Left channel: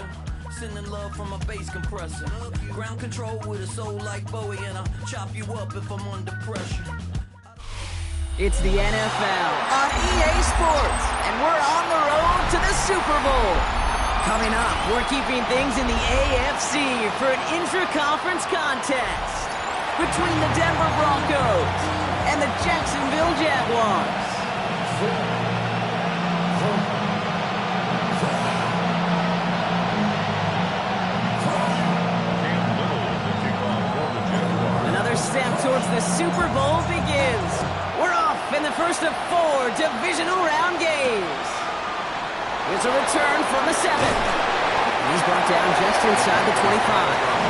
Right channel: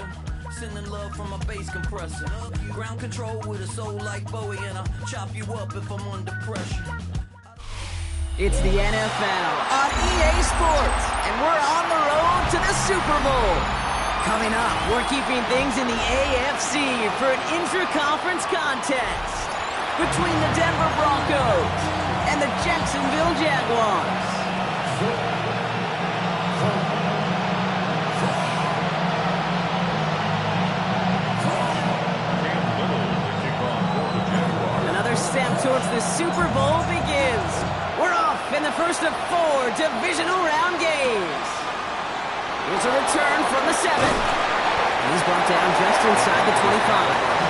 London. Sending love from a bass compressor. Ground control with a soul like Bowie, and I'll chop you up if I'm under pressure. It's the NFL on EA Sports, and we're on the road to the Super Bowl. Coming up, we're keeping things in the AFC for an intra-conference contest between the Denver Broncos and the Jacksonville Jaguars. Another step towards the Super Bowl begins. We're off in the first of 4 divisional round games. Here's a return from the 7. He's brought down just inside the 25.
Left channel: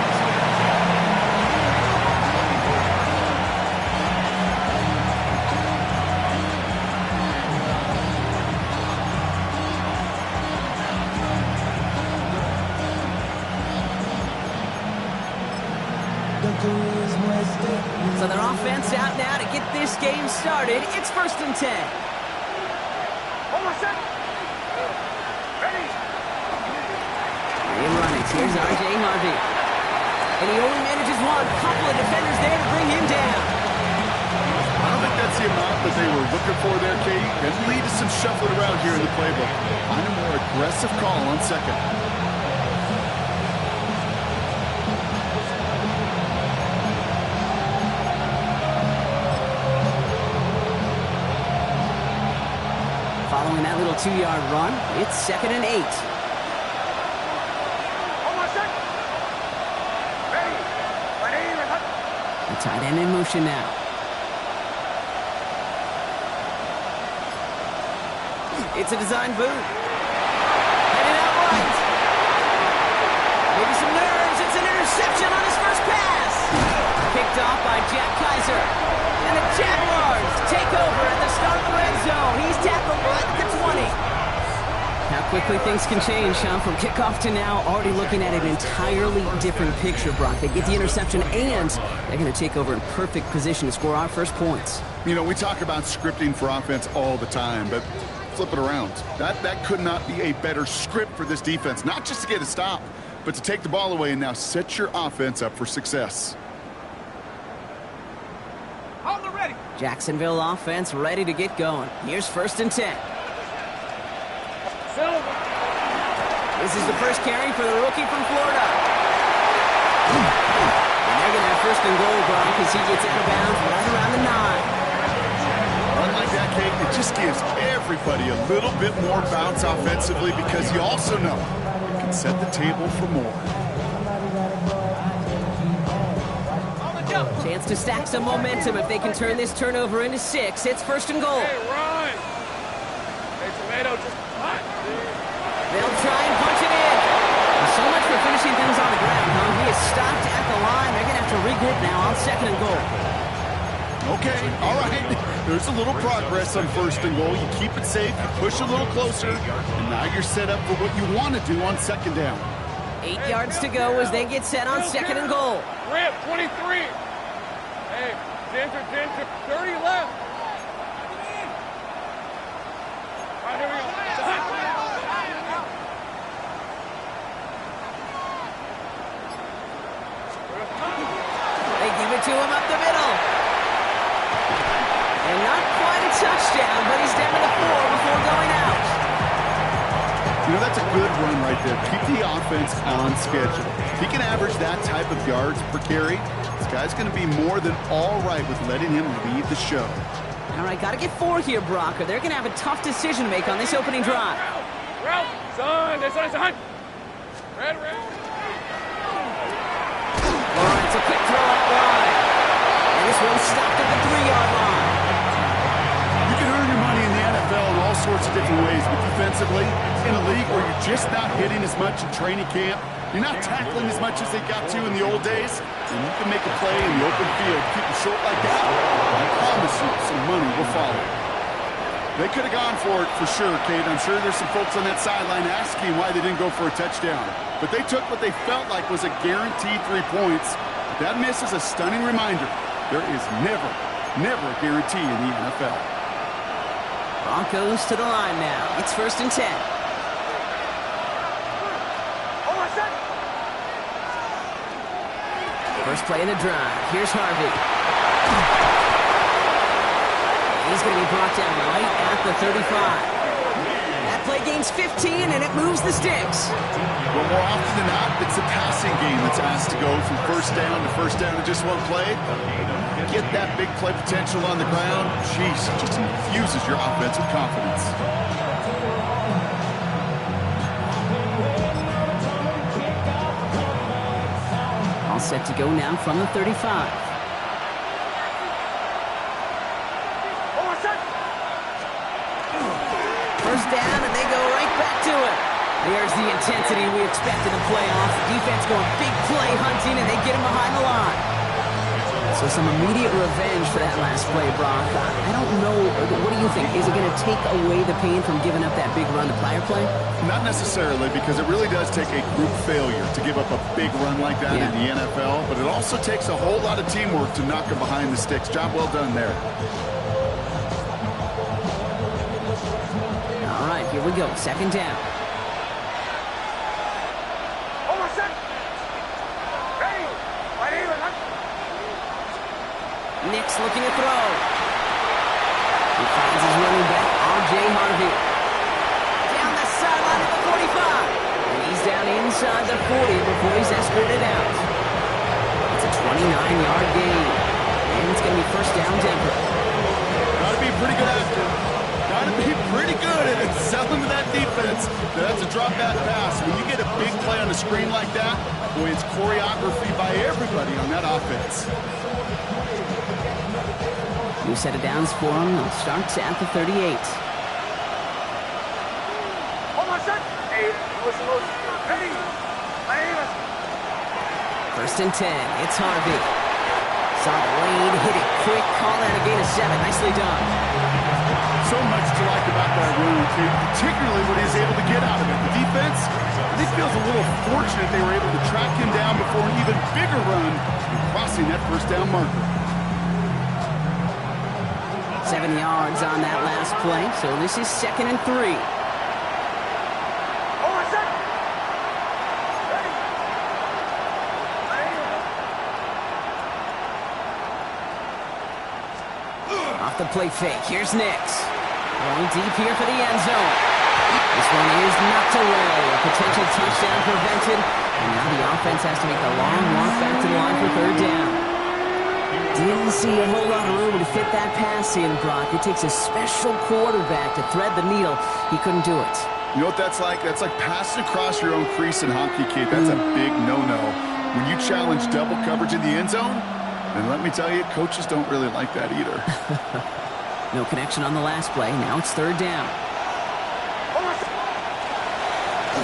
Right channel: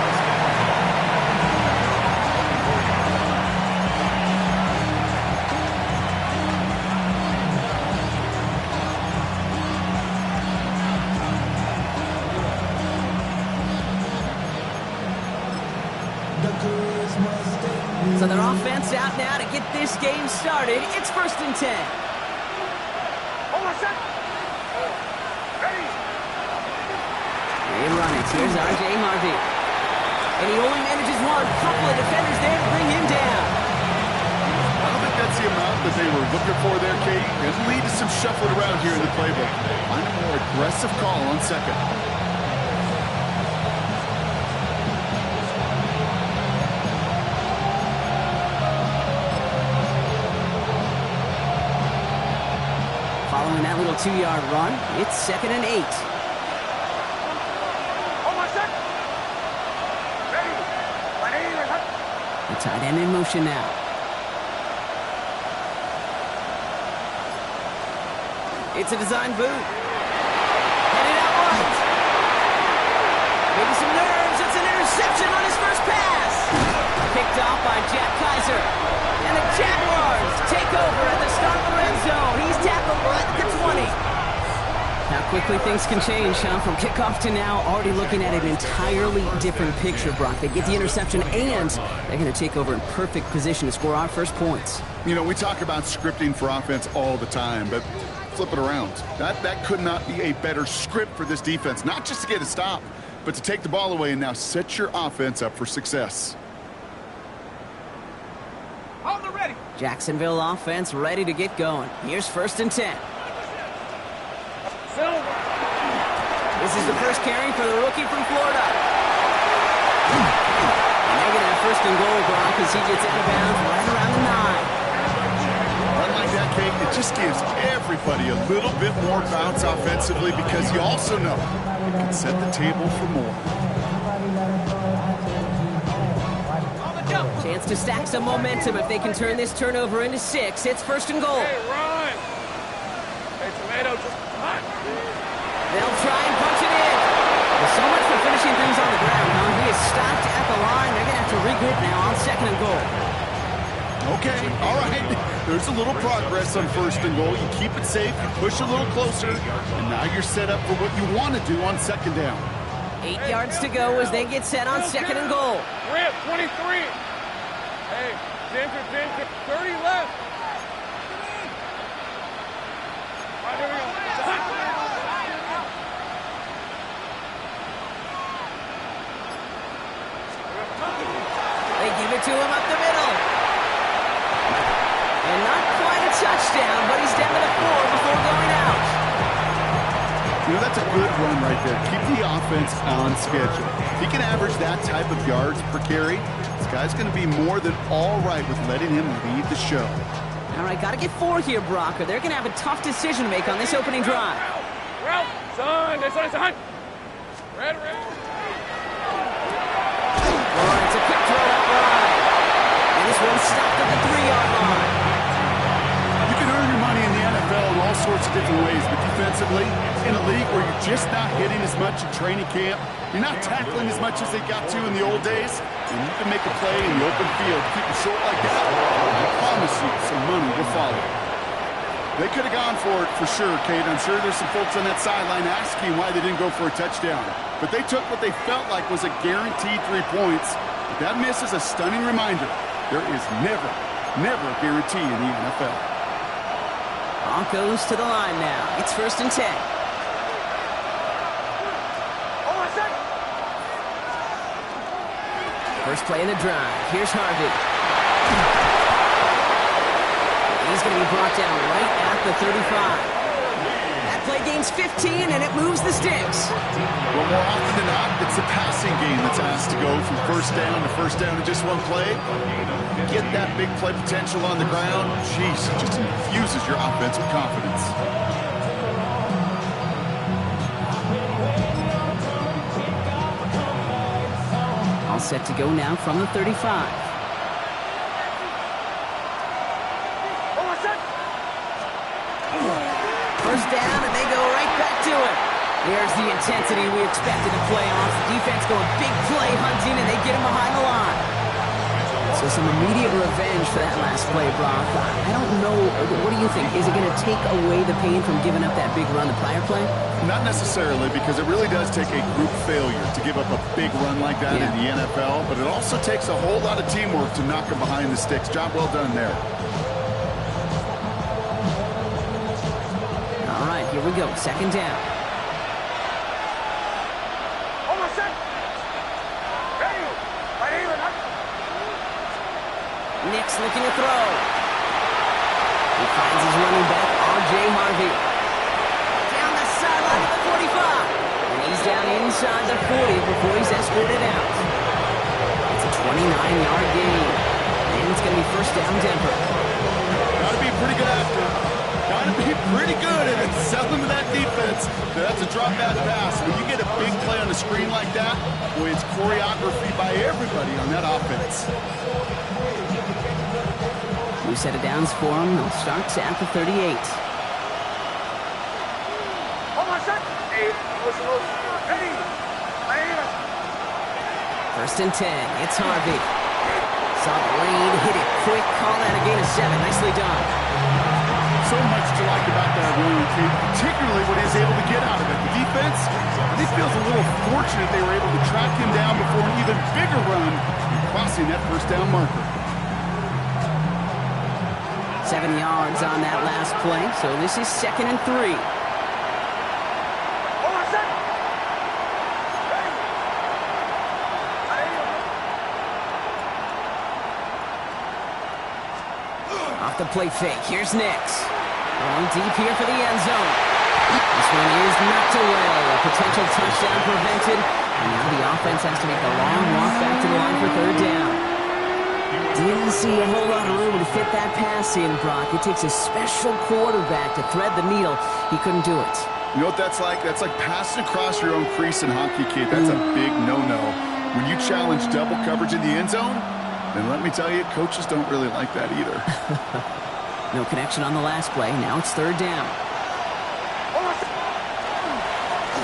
So their offense out now to get this game started. It's 1st and 10. Hold on a sec. Ready. They run it. Here's R.J. Harvey. And he only manages one. Couple of defenders there to bring him down. I don't think that's the amount that they were looking for there, Kate. It lead to some shuffling around here in the playbook. Find a more aggressive call on 2nd. Following that little 2-yard run, it's 2nd and 8. Hold on a sec. Ready. The tight end in motion now. It's a design boot. Headed out right. Maybe some nerves. It's an interception on his first pass. Picked off by Jack Kaiser. And the Jaguars take over at the start of the red zone. He's tackled right at the 20. How quickly things can change, huh? From kickoff to now, already looking at an entirely different picture, Brock. They get the interception, and they're going to take over in perfect position to score our first points. You know, we talk about scripting for offense all the time, but flip it around. That could not be a better script for this defense, not just to get a stop, but to take the ball away and now set your offense up for success. Hold the ready. Jacksonville offense ready to get going. Here's 1st and 10. Silver. This is the first carry for the rookie from Florida. And they're going to have 1st and goal, Brock, as he gets out of bounds right around the 9. Run like that, Kate, it just gives everybody a little bit more bounce offensively because you also know it can set the table for more. Chance to stack some momentum if they can turn this turnover into 6. It's 1st and goal. Hey, run. Hey, Tomato, just punch. They'll try and punch it in. Well, so much for finishing things on the ground, huh? He is stopped at the line. They're going to have to regroup now on 2nd and goal. Okay, all right. There's a little progress on 1st and goal. You keep it safe, you push a little closer, and now you're set up for what you want to do on 2nd down. 8 yards to go as they get set on 2nd and goal. Rip, 23. Hey, Ginger, 30 left. All right, here we go. They give it to him up the middle. And not quite a touchdown, but he's down to the 4 before going out. You know, that's a good run right there. Keep the offense on schedule. If he can average that type of yards per carry, this guy's going to be more than all right with letting him lead the show. All right, got to get 4 here, Brock, or they're going to have a tough decision to make on this opening drive. Route, son. Red. All right, it's a quick throw out wide. And this one's stopped at the 3-yard line. You can earn your money in the NFL in all sorts of different ways, but defensively, in a league where you're just not hitting as much in training camp, you're not tackling as much as they got to in the old days, and you can make a play in the open field, keep it short like that, I promise you some money will follow. They could have gone for it for sure, Kate. I'm sure there's some folks on that sideline asking why they didn't go for a touchdown. But they took what they felt like was a guaranteed 3 points. But that miss is a stunning reminder. There is never a guarantee in the NFL. Broncos to the line now. It's 1st and 10. First play in the drive. Here's Harvey. He's going to be brought down right at the 35. That play gains 15, and it moves the sticks. Well, more often than not, it's the passing game that's asked to go from first down in just one play. Get that big play potential on the ground. Jeez, it just infuses your offense with confidence. All set to go now from the 35. First down, and they go right back to it. There's the intensity we expect in the playoffs. The defense going big play hunting, and they get him behind the line. So some immediate revenge for that last play, Brock. I don't know. What do you think? Is it going to take away the pain from giving up that big run the prior play? Not necessarily, because it really does take a group failure to give up a big run like that in the NFL. But it also takes a whole lot of teamwork to knock him behind the sticks. Job well done there. All right, here we go. Second down. Nick's looking to throw. He finds his running back, R.J. Harvey. Down the sideline to the 45. And he's down inside the 40 before he's escorted out. It's a 29-yard gain. And it's going to be first down Denver. Got to be a pretty good actor. Got to be pretty good at selling to that defense. That's a drop-back pass. When you get a big play on the screen like that, boy, it's choreography by everybody on that offense. New set of downs for him. They'll start at the 38. First and 10. It's Harvey. Saw the lane, hit it quick, call that a gain of 7. Nicely done. So much to like about that run, particularly what he's able to get out of it. The defense, I think, feels a little fortunate they were able to track him down before an even bigger run and crossing that first down marker. 7 yards on that last play, so this is 2nd and 3. Off the play fake, here's Nix. Going deep here for the end zone. This one is knocked away. A potential touchdown prevented, and now the offense has to make a long walk back to the line for third down. Didn't see a whole lot of room to fit that pass in, Brock. It takes a special quarterback to thread the needle. He couldn't do it. You know what that's like? That's like passing across your own crease in hockey, kid. That's a big no-no. When you challenge double coverage in the end zone, then let me tell you, coaches don't really like that either. No connection on the last play. Now it's third down.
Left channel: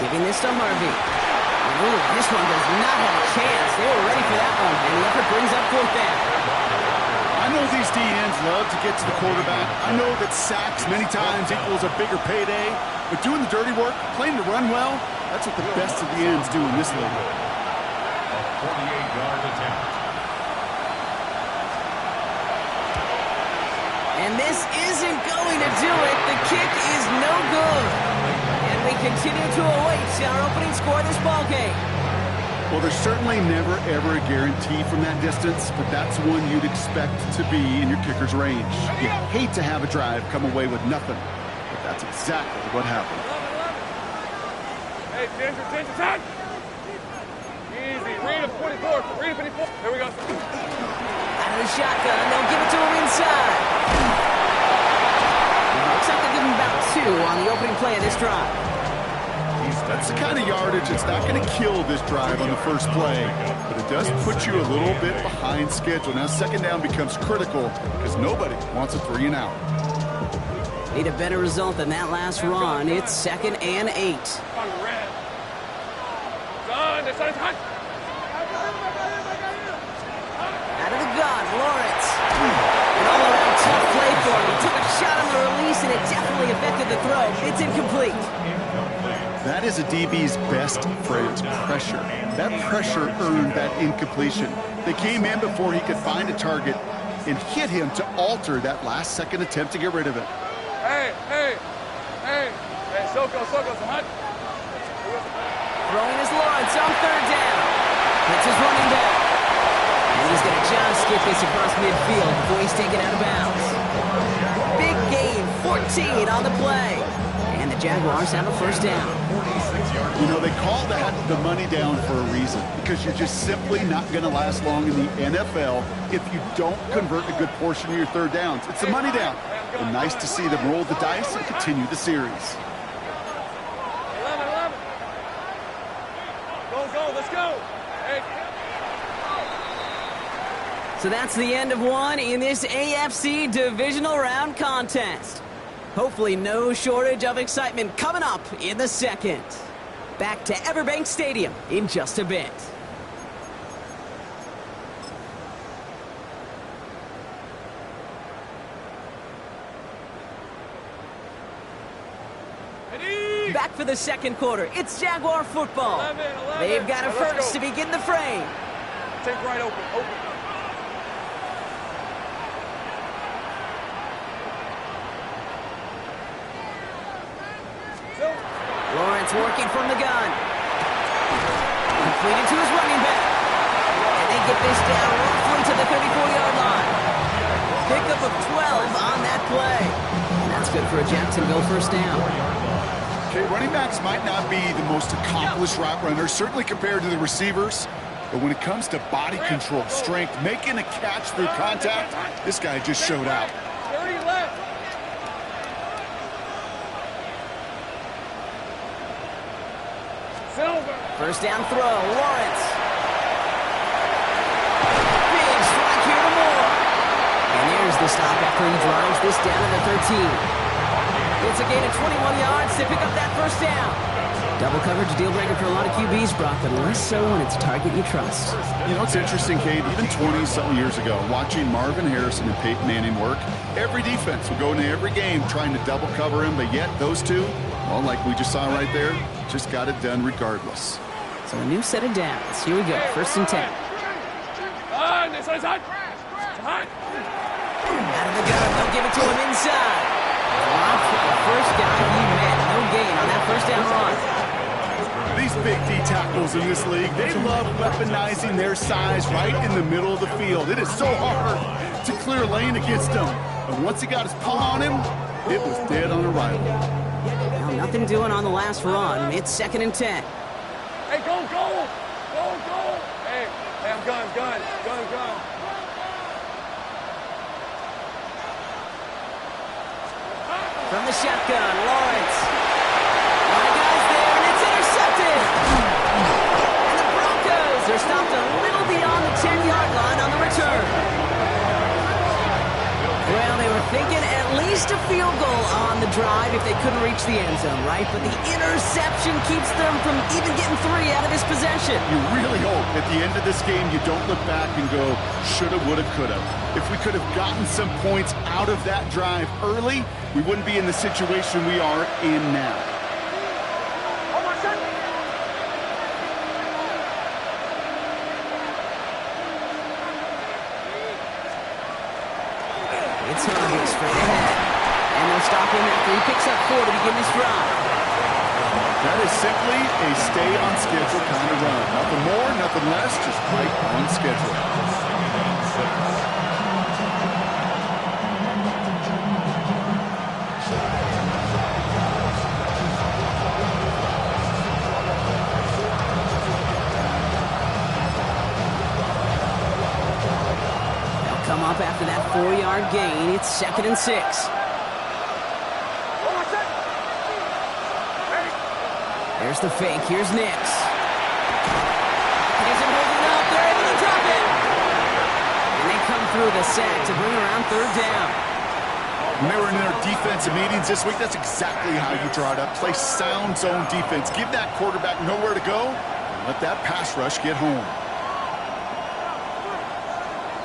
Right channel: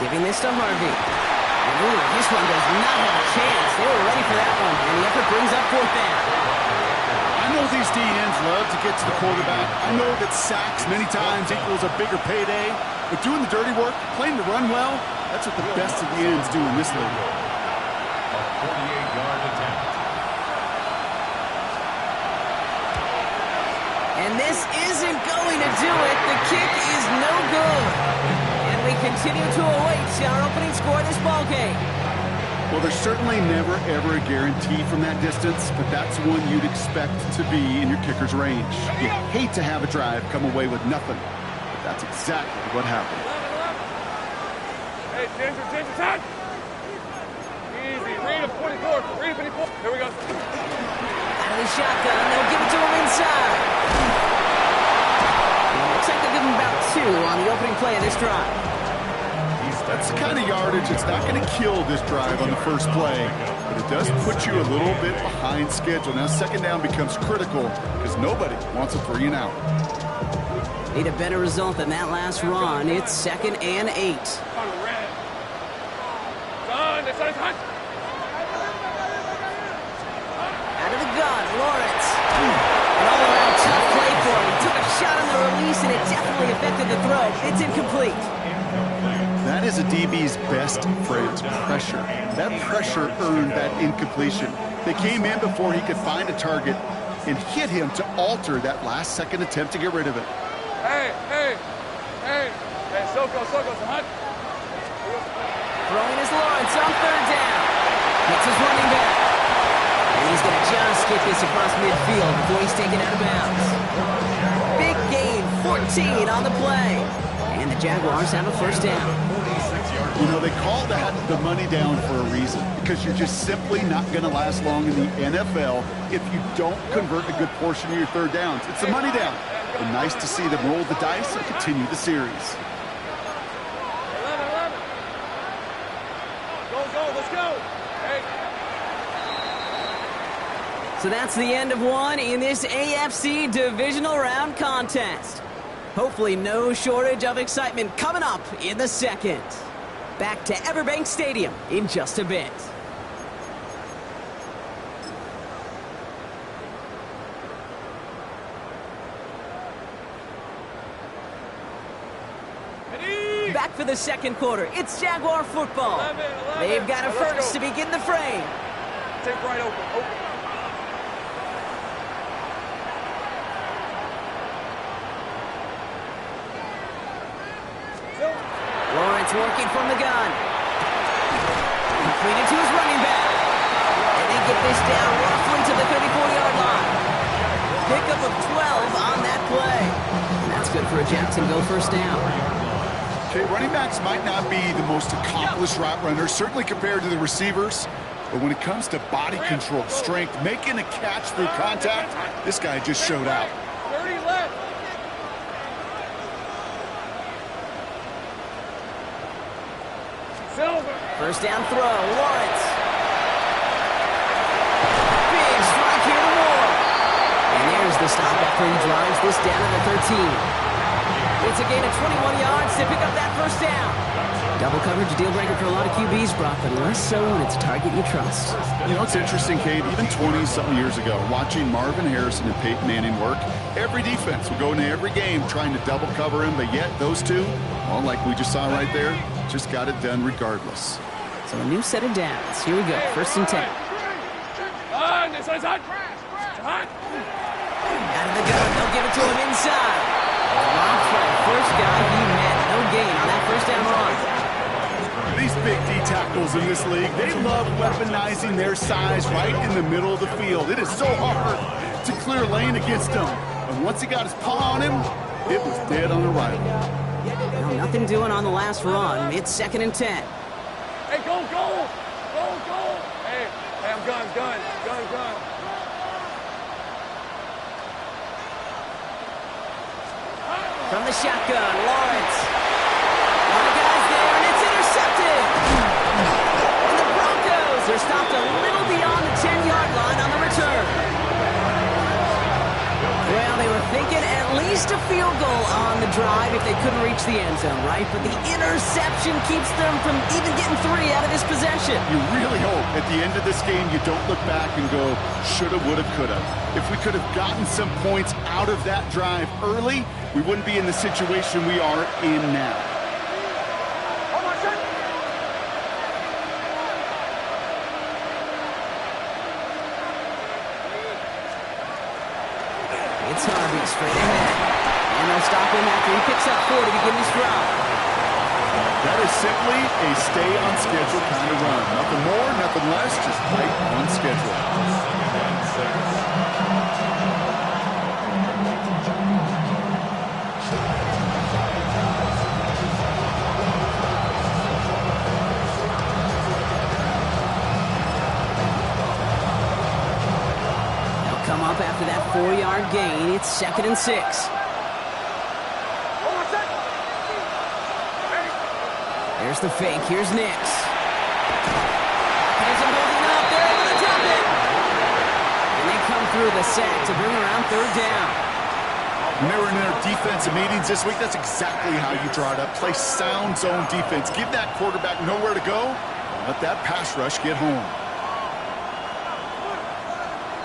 Giving this to Harvey. Ooh, this one does not have a chance. They were ready for that one, and the effort brings up fourth down. I know these DNs love to get to the quarterback. I know that sacks many times equals a bigger payday, but doing the dirty work, playing to run well, that's what the best of the ends do in this league. A 48-yard attempt. And this isn't going to do it. The kick is no good. And we continue to await our opening score of this ballgame. Well, there's certainly never, ever a guarantee from that distance, but that's one you'd expect to be in your kicker's range. You hate to have a drive come away with nothing, but that's exactly what happened. Hey, Ginger, time! Easy, read him, 24, read him, 24. Here we go. Out of the shotgun, they'll give it to him inside. And it looks like they'll give him about 2 on the opening play of this drive. That's the kind of yardage that's not going to kill this drive on the first play, but it does put you a little bit behind schedule. Now second down becomes critical because nobody wants a 3 and out. Need a better result than that last run. It's 2nd and 8. Out of the gun, Lawrence. An all-around tough play for him. He took a shot on the release, and it definitely affected the throw. It's incomplete. That is a DB's best friend, pressure. That pressure earned that incompletion. They came in before he could find a target and hit him to alter that last-second attempt to get rid of it. Hey, Soko, hot. Throwing is Lawrence on third down. Hits his running back. And he's going to just get this across midfield before he's taken out of bounds. Big gain, 14 on the play. And the Jaguars have a first down. You know, they call that the money down for a reason, because you're just simply not going to last long in the NFL if you don't convert a good portion of your third downs. It's the money down. And nice to see them roll the dice and continue the series. 11. Go, let's go. Hey. So that's the end of one in this AFC divisional round contest. Hopefully no shortage of excitement coming up in the second. Back to Everbank Stadium in just a bit. Back for the second quarter. It's Jaguar football. 11. They've got a Let's first go. to begin the frame. Take right open. Lawrence working from the gun. Completed to his running back. And they get this down roughly to the 34-yard line. Pickup of 12 on that play. And that's good for a Jacksonville first down. Okay, running backs might not be the most accomplished route runners, certainly compared to the receivers. But when it comes to body control, strength, making a catch through contact, this guy just showed out. 30 left. Silver. First down throw, Lawrence. Big strike here to Moore. And there's the stop after he drives this down to the 13. It's a gain of 21 yards to pick up that first down. Double coverage, deal breaker for a lot of QBs, Brock, but less so when it's a target you trust. You know, it's interesting, Kate, even 20-something years ago, watching Marvin Harrison and Peyton Manning work, every defense will go into every game trying to double cover him, but yet those two, well, like we just saw right there, just got it done regardless. So a new set of downs. Here we go, first and 10. This one's hot. Out of the gun, they'll give it to him inside. Dropped by the first guy he met. No gain on that first down run. These big D tackles in this league, they love weaponizing their size right in the middle of the field. It is so hard to clear lane against them. And once he got his paw on him, it was dead on arrival. Now, nothing doing on the last run. It's second and 10. Hey, go. Hey, I'm gun. From the shotgun, Lawrence. A lot of guys there, and it's intercepted. And the Broncos are stopped a little beyond the 10-yard line on the return. Well, they were thinking at least a field goal on the drive if they couldn't reach the end zone, right? But the interception keeps them from even getting 3 out of this possession. You really hope at the end of this game you don't look back and go, shoulda, woulda, coulda. If we could have gotten some points out of that drive early, we wouldn't be in the situation we are in now. It's Harvey straight ahead. And they'll stop him after he picks up 4 to begin this drive. That is simply a stay on schedule kind of run. Nothing more, nothing less, just right on schedule. Come up after that 4-yard gain. It's second and 6. There's the fake. Here's Nix. Pocket isn't holding up. They're able to drop it. And they come through the sack to bring around third down. When they were in their defensive meetings this week, that's exactly how you draw it up. Play sound zone defense. Give that quarterback nowhere to go. And let that pass rush get home.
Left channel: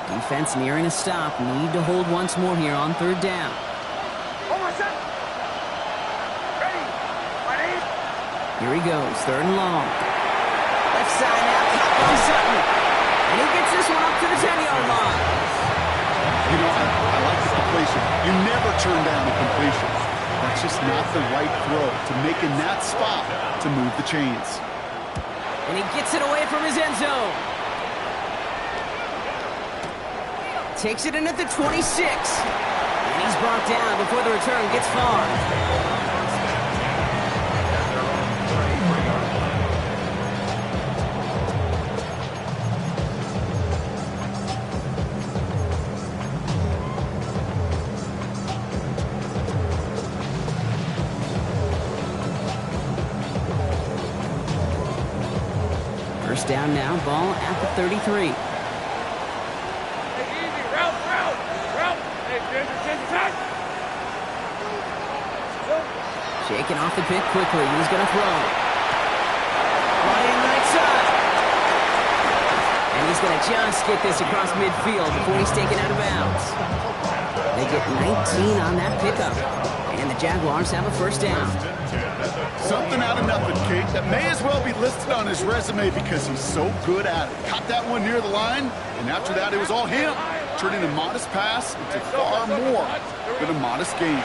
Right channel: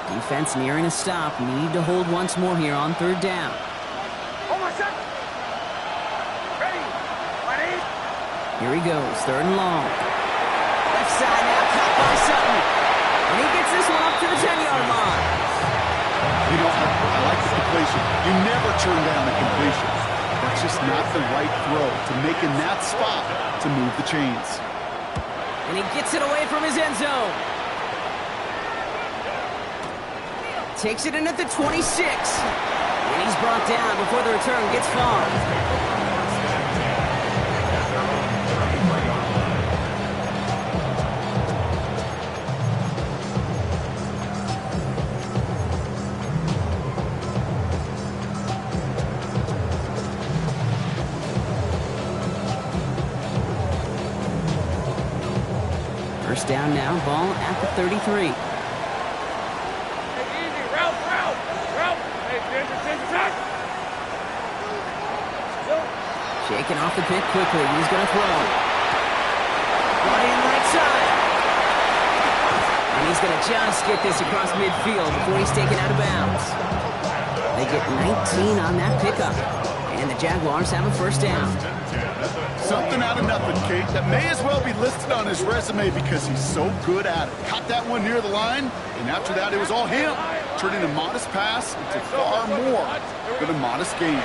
Defense nearing a stop. Need to hold once more here on third down. Here he goes, third and long. Left side now, caught by Sutton. And he gets this one up to the 10-yard line. You know, I like the completion. You never turn down a completion. That's just not the right throw to make in that spot to move the chains. And he gets it away from his end zone. Takes it in at the 26. And he's brought down before the return gets far. First down now, ball at the 33. Hey, easy. Route. Hey, Ginger, touch. Shaking off the pick quickly. He's going to throw. Brought in right side. And he's going to just get this across midfield before he's taken out of bounds. They get 19 on that pickup. And the Jaguars have a first down. Something out of nothing, Kate. That may as well be listed on his resume because he's so good at it. Caught that one near the line, and after that it was all him, turning a modest pass into far more than a modest gain.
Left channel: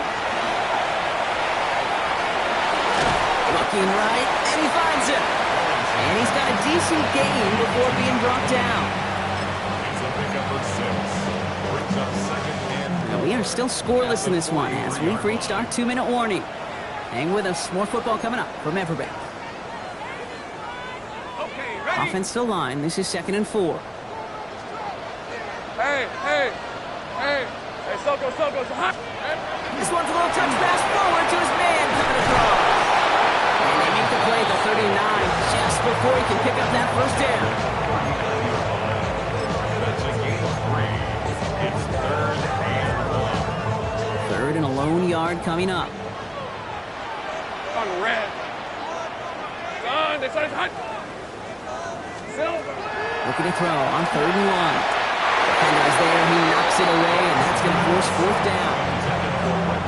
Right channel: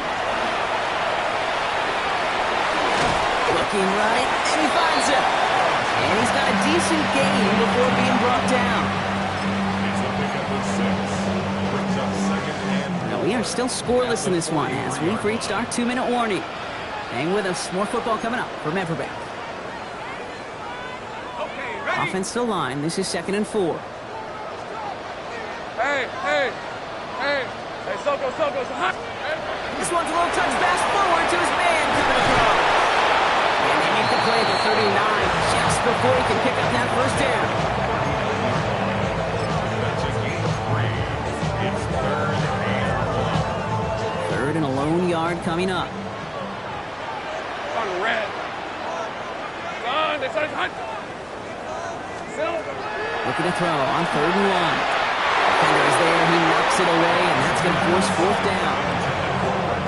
Looking right, and he finds him. And he's got a decent gain before being brought down. It's a pickup of 6. Brings up second and 3. Now we are still scoreless in this one as we've reached our 2-minute warning. Hang with us. More football coming up from Everbank. Okay, ready? Offense to line. This is 2nd and 4. Hey, Soko. This one's a little touch pass forward to his man coming across. And they make the play at the 39 just before he can pick up that first down. That's a gain of 3. It's 3rd and 1. 3rd and a lone yard coming up. On red. Son, they started hot. Silver. Looking to throw on 3rd and 1. Defender is there. He knocks it away, and that's going to force 4th down.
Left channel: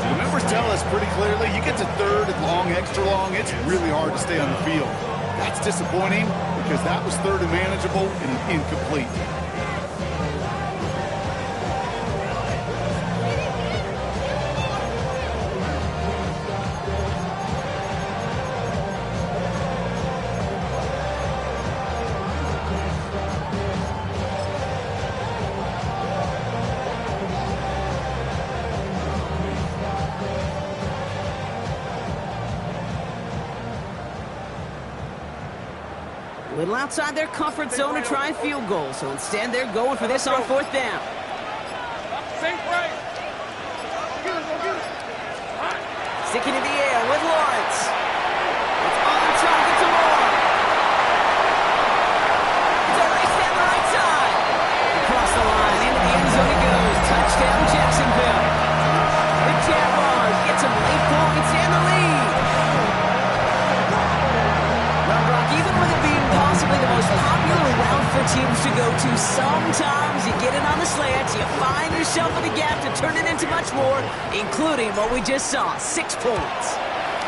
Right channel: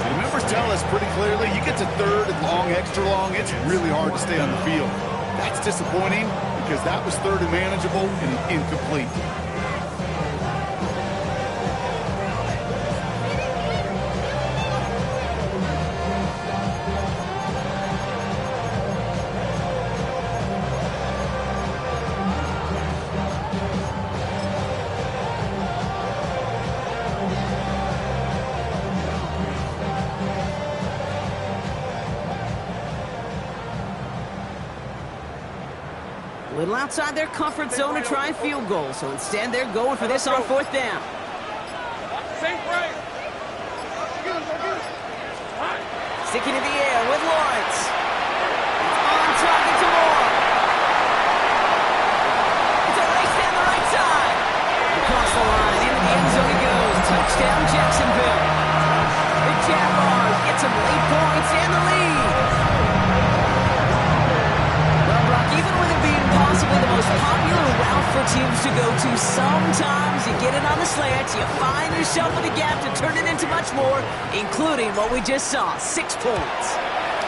The numbers tell us pretty clearly, you get to 3rd and long, extra long, it's really hard to stay on the field. That's disappointing because that was 3rd and manageable and an incomplete. A little outside their comfort zone to try a field goal, so instead they're going for this on 4th down. Safe right. Go get it. Hot. Sticking in the air with Lawrence. It's on target to Moore. It's a race down the right side. Across the line, into the end zone he goes. Touchdown Jacksonville. The Jaguars get some late points and the lead. Well, Brock, even with it being possibly the most popular route for teams to go to, sometimes you get it on the slant, you find yourself in the gap to turn it into much more, including what we just saw, 6 points.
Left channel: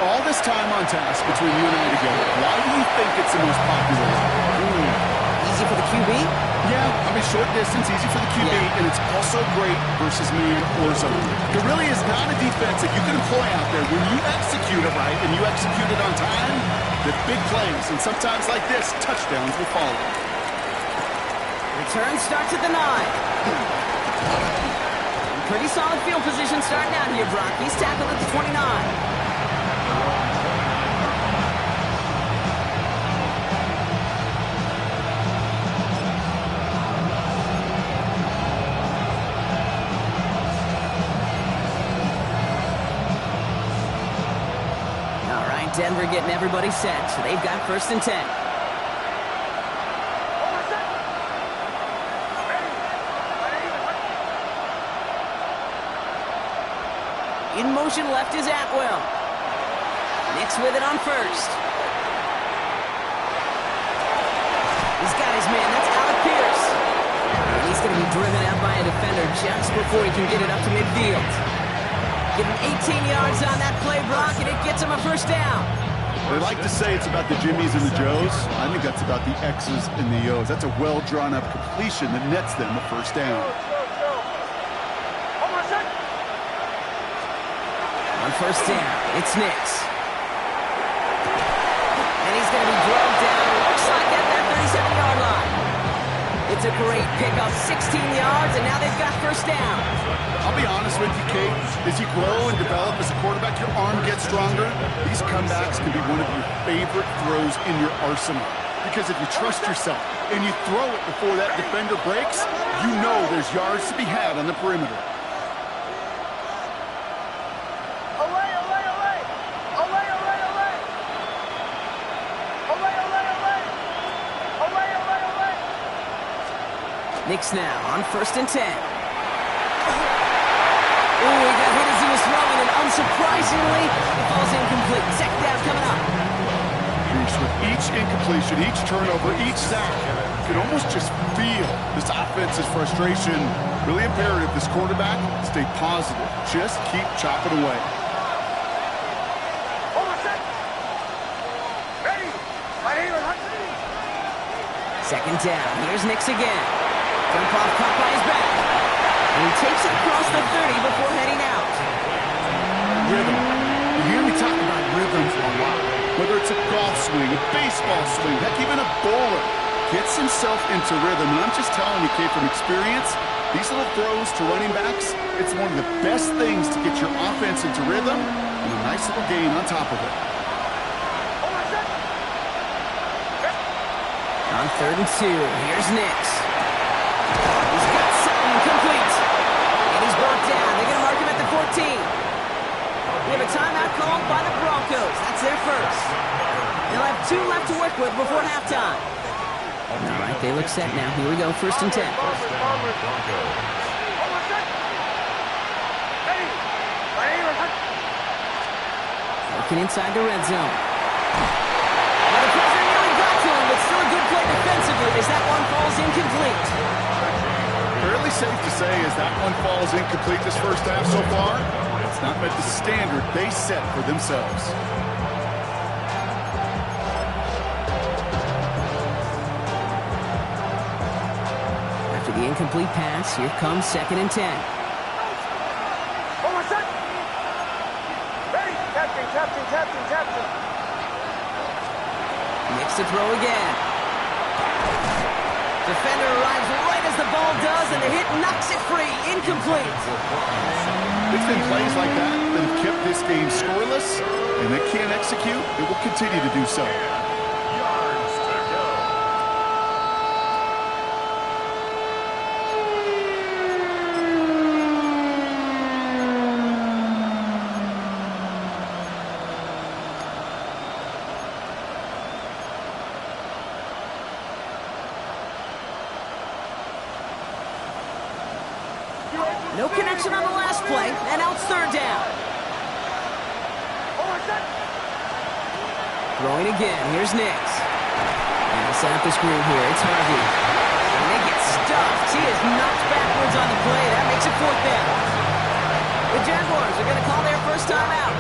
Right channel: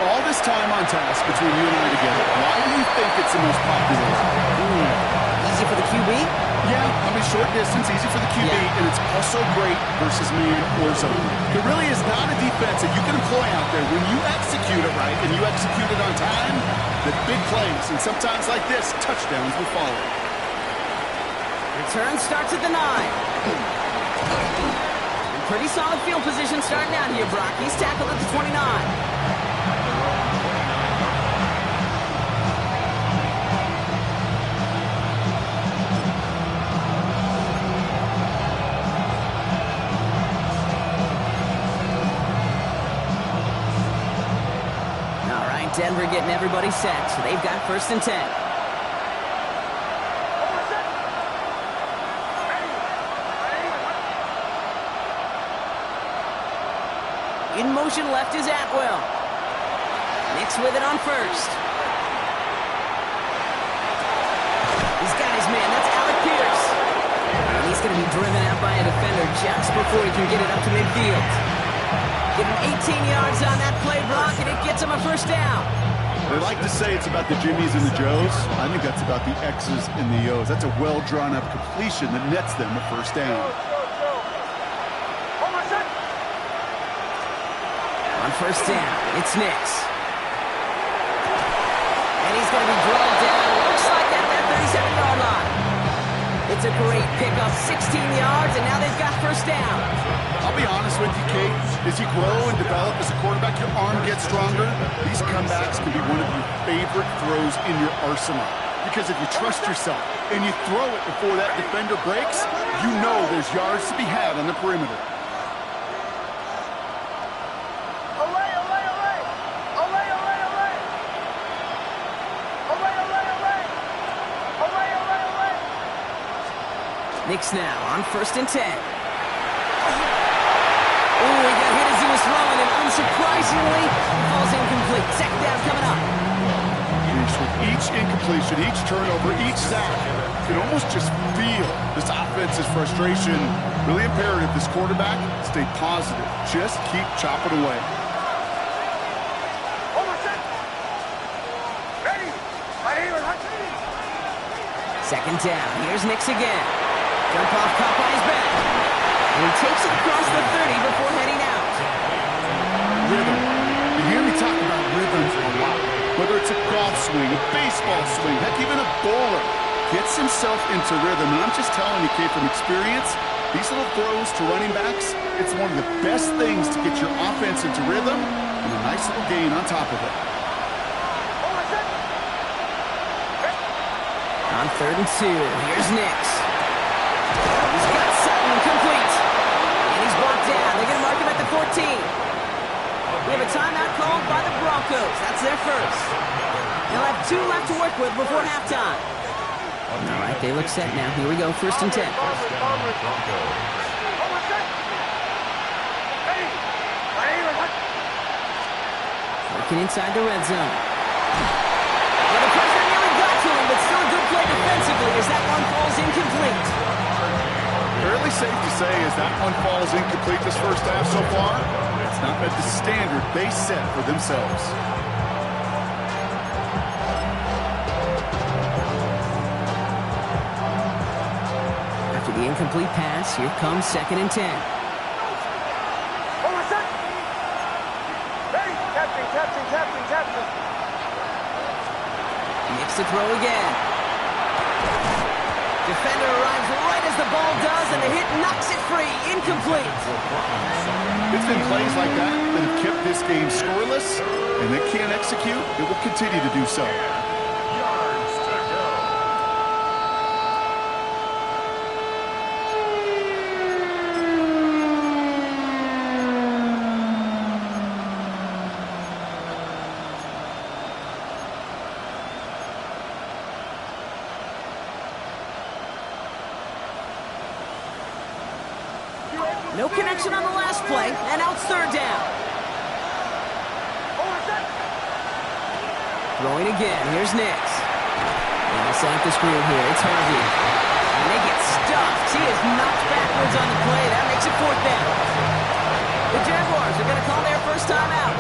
All this time on task between you and I together, why do you think it's the most popular route? Easy for the QB? Yeah, I mean, short distance, easy for the QB, Yeah. and it's also great versus man or zone. There really is not a defense that you can employ out there when you execute it right and you execute it on time, that big plays, and sometimes like this, touchdowns will follow. Return starts at the 9. Pretty solid field position starting out here, Brock. He's tackled at the 29. All right, Denver getting everybody set, so they've got 1st and 10. In motion left is Atwell. Nix with it on 1st. He's got his man. That's Alec Pierce. And he's going to be driven out by a defender just before he can get it up to midfield. Getting 18 yards on that play, Brock, and it gets him a 1st down. They like to say it's about the Jimmies and the Joes. I think that's about the X's and the O's. That's a well-drawn-up completion that nets them a 1st down. On 1st down, it's Nix. And he's going to be drugged down. Looks like at that 37-yard line. It's a great pickup, 16 yards, and now they've got first down. I'll be honest with you, Kate. As you grow and develop as a quarterback, your arm gets stronger. These comebacks can be one of your favorite throws in your arsenal. Because if you trust yourself and you throw it before that defender breaks, you know there's yards to be had on the perimeter. Knicks now on 1st and 10. Ooh, he got hit as he was throwing, and unsurprisingly, it falls incomplete. Second down coming up. With each incompletion, each turnover, each sack, you can almost just feel this offense's frustration. Really imperative this quarterback stay positive. Just keep chopping away. Second down. Here's Knicks again. Jump off, caught by his back. And he takes it across the 30 before heading out. Rhythm. You hear me talk about rhythms a lot. Whether it's a golf swing, a baseball swing, heck, even a bowler gets himself into rhythm. And I'm just telling you, Kate, from experience, these little throws to running backs, it's one of the best things to get your offense into rhythm and a nice little gain on top of it. On 3rd and 2, here's Knicks. He's got Sutton complete. And he's brought down. They're going to mark him at the 14. We have a timeout called by the Broncos. That's their first. They'll have 2 left to work with before halftime. All right, they look set now. Here we go, 1st and 10. Working inside the red zone. Well, the pressure nearly got to him, but still a good play defensively as that one falls incomplete. Fairly safe to say as that one falls incomplete this first half so far, it's not met the standard they set for themselves. After the incomplete pass, here comes 2nd and 10. Captain. Knicks to throw again. Defender arrives right as the ball does, and the hit knocks it free. Incomplete. It's been plays like that that have kept this game scoreless, and they can't execute. It will continue to do so. Yards to go. No connection on the last play, and now it's 3rd down. Throwing again. Here's Knicks. And they'll set up the screen here. It's Harvey. And they get stuffed. He is knocked backwards on the play. That makes it 4th down. The Jaguars are going to call their first time out.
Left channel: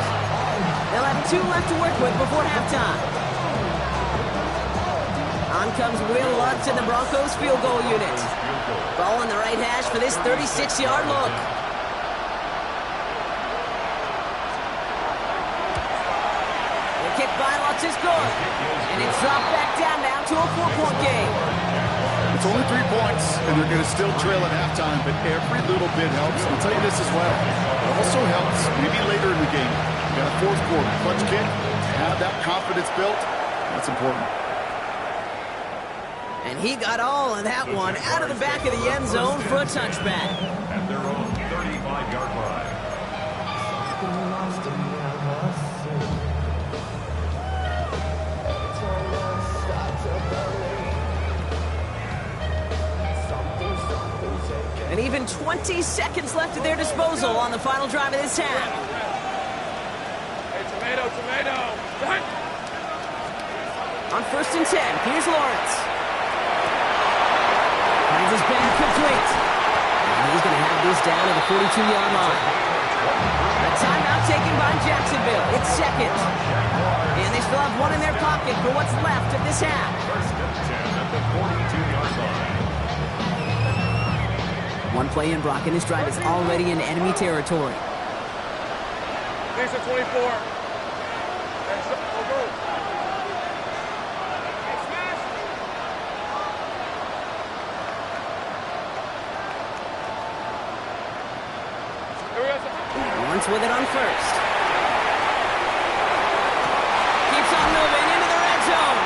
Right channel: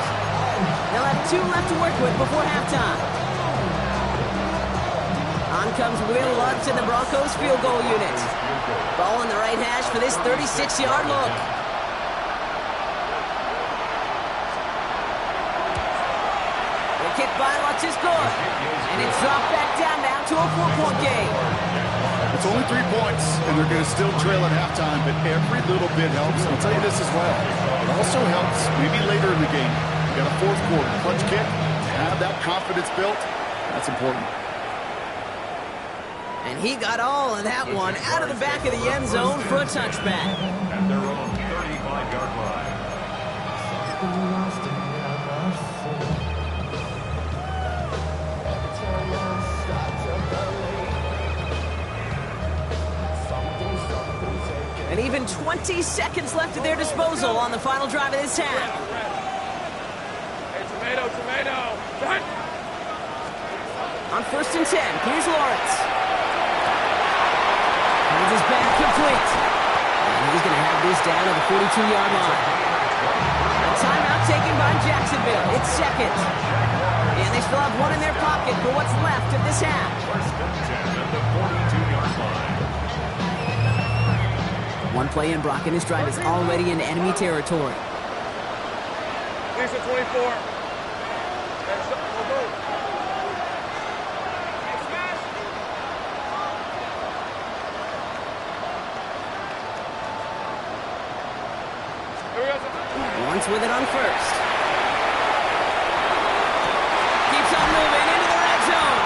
They'll have 2 left to work with before halftime. On comes Will Lutz in the Broncos field goal unit. Ball on the right hash for this 36-yard look. The kick by Lutz is good. And it's dropped back down now to a 4-point game. It's only 3 points, and they're going to still trail at halftime, but every little bit helps. I'll tell you this as well. It also helps maybe later in the game. You got a 4th quarter clutch kick. To have that confidence built, that's important. And he got all of that one out of the back of the end zone for a touchback. At their own 35-yard line. And even 20 seconds left at their disposal on the final drive of this half. Hey, tomato. Done. On 1st and 10, here's Lawrence. Finds his back complete. And he's going to have this down at the 42-yard line. A timeout taken by Jacksonville. It's 2nd. And they still have 1 in their pocket for what's left of this half. 1st and 10 at the 42-yard line. 1 play in, Brock, and this drive is already in enemy territory. Here's the 24. Go. Lawrence with it on first. Keeps on moving into the red zone.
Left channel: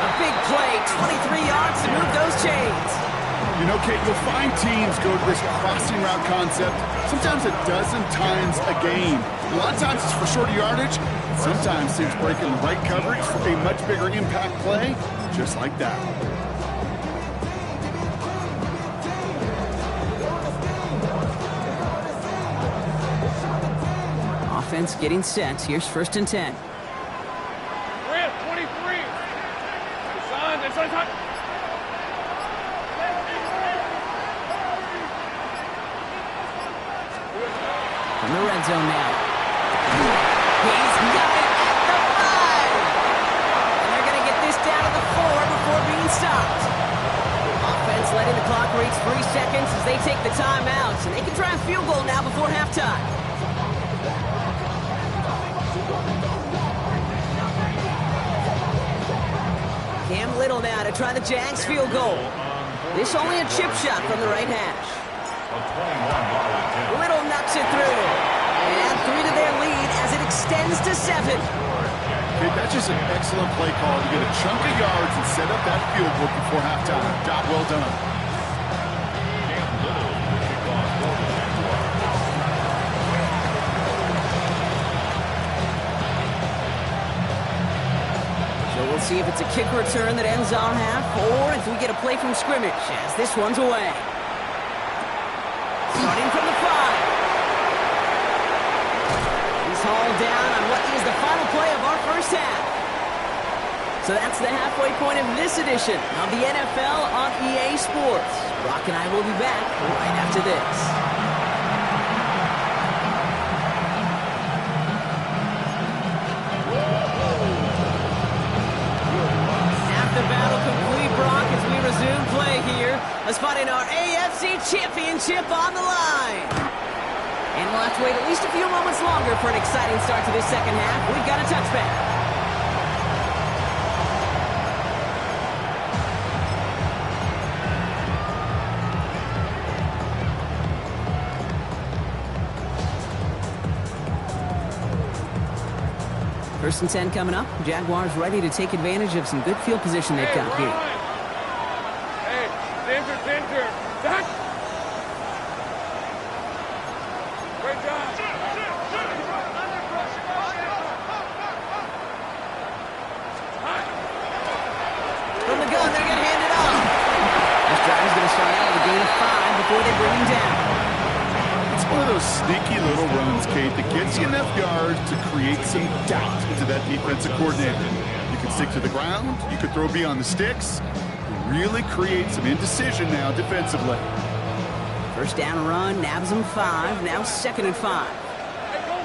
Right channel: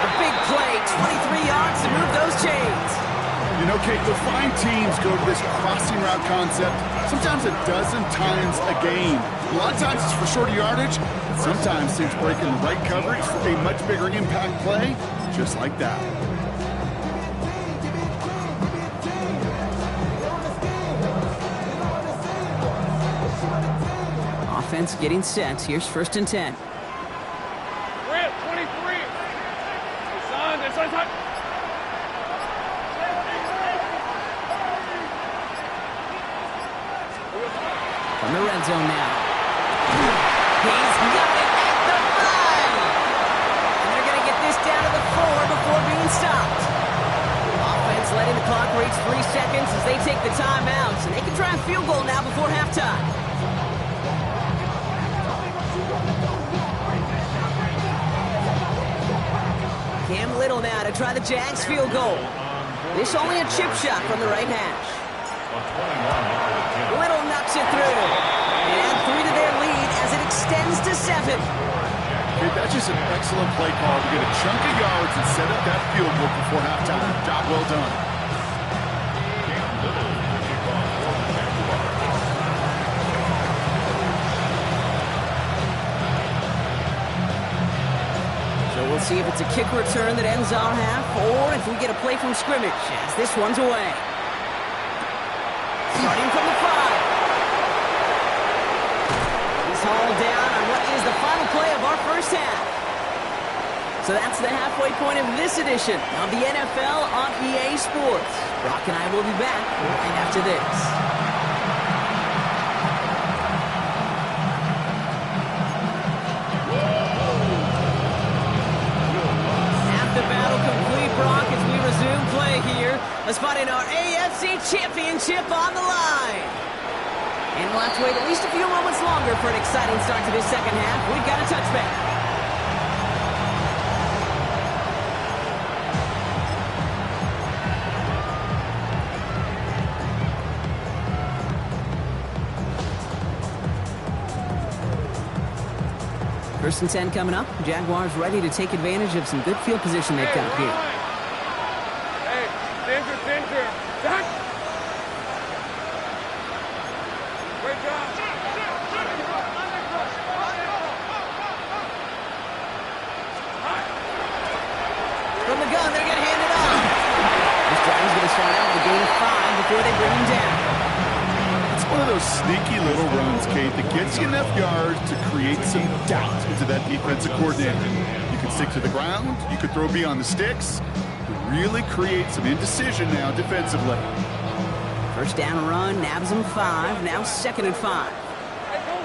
A big play, 23 yards to move those chains. You know, Kate, you'll find teams go to this crossing route concept sometimes a dozen times a game. A lot of times it's for shorter yardage, but sometimes teams break in the right coverage for a much bigger impact play, just like that. Offense getting set. Here's 1st and 10. Grant, 23. It's on. From the red zone now. He's got it at the 5. And they're going to get this down to the 4 before being stopped. Offense letting the clock reach 3 seconds as they take the timeouts. And they can try a field goal now before halftime. Cam Little now to try the Jags field goal. This only a chip shot from the right hash. Little knocks it through. And 3 to their lead as it extends to 7. Hey, that's just an excellent play call to get a chunk of yards and set up that field goal before halftime. Job well done. Cam Little to kick off for the Jaguars. So we'll see if it's a kick return that ends our half, or if we get a play from scrimmage, as this one's away. Starting from the 5. He's hauled down on what is the final play of our first half. So that's the halfway point of this edition of the NFL on EA Sports. Brock and I will be back right after this. The battle complete, Brock, as we resume play here. Let's find in our AFC Championship on the line. And we'll have to wait at least a few moments longer for an exciting start to this second half. We've got a touchback. First and 10 coming up. Jaguars ready to take advantage of some good field position they've got here. Hey, danger. Zach. Great job. From the gun, they're going to hand it off. This drive is going to start out with a gain of 5 before they bring him down. It's one of those sneaky little runs, Kate, that gets you enough yards to create some doubt into that defensive coordinator. You can stick to the ground, you could throw beyond the sticks, really create some indecision now defensively. First down run, nabs him 5, now 2nd and 5. Hey, go.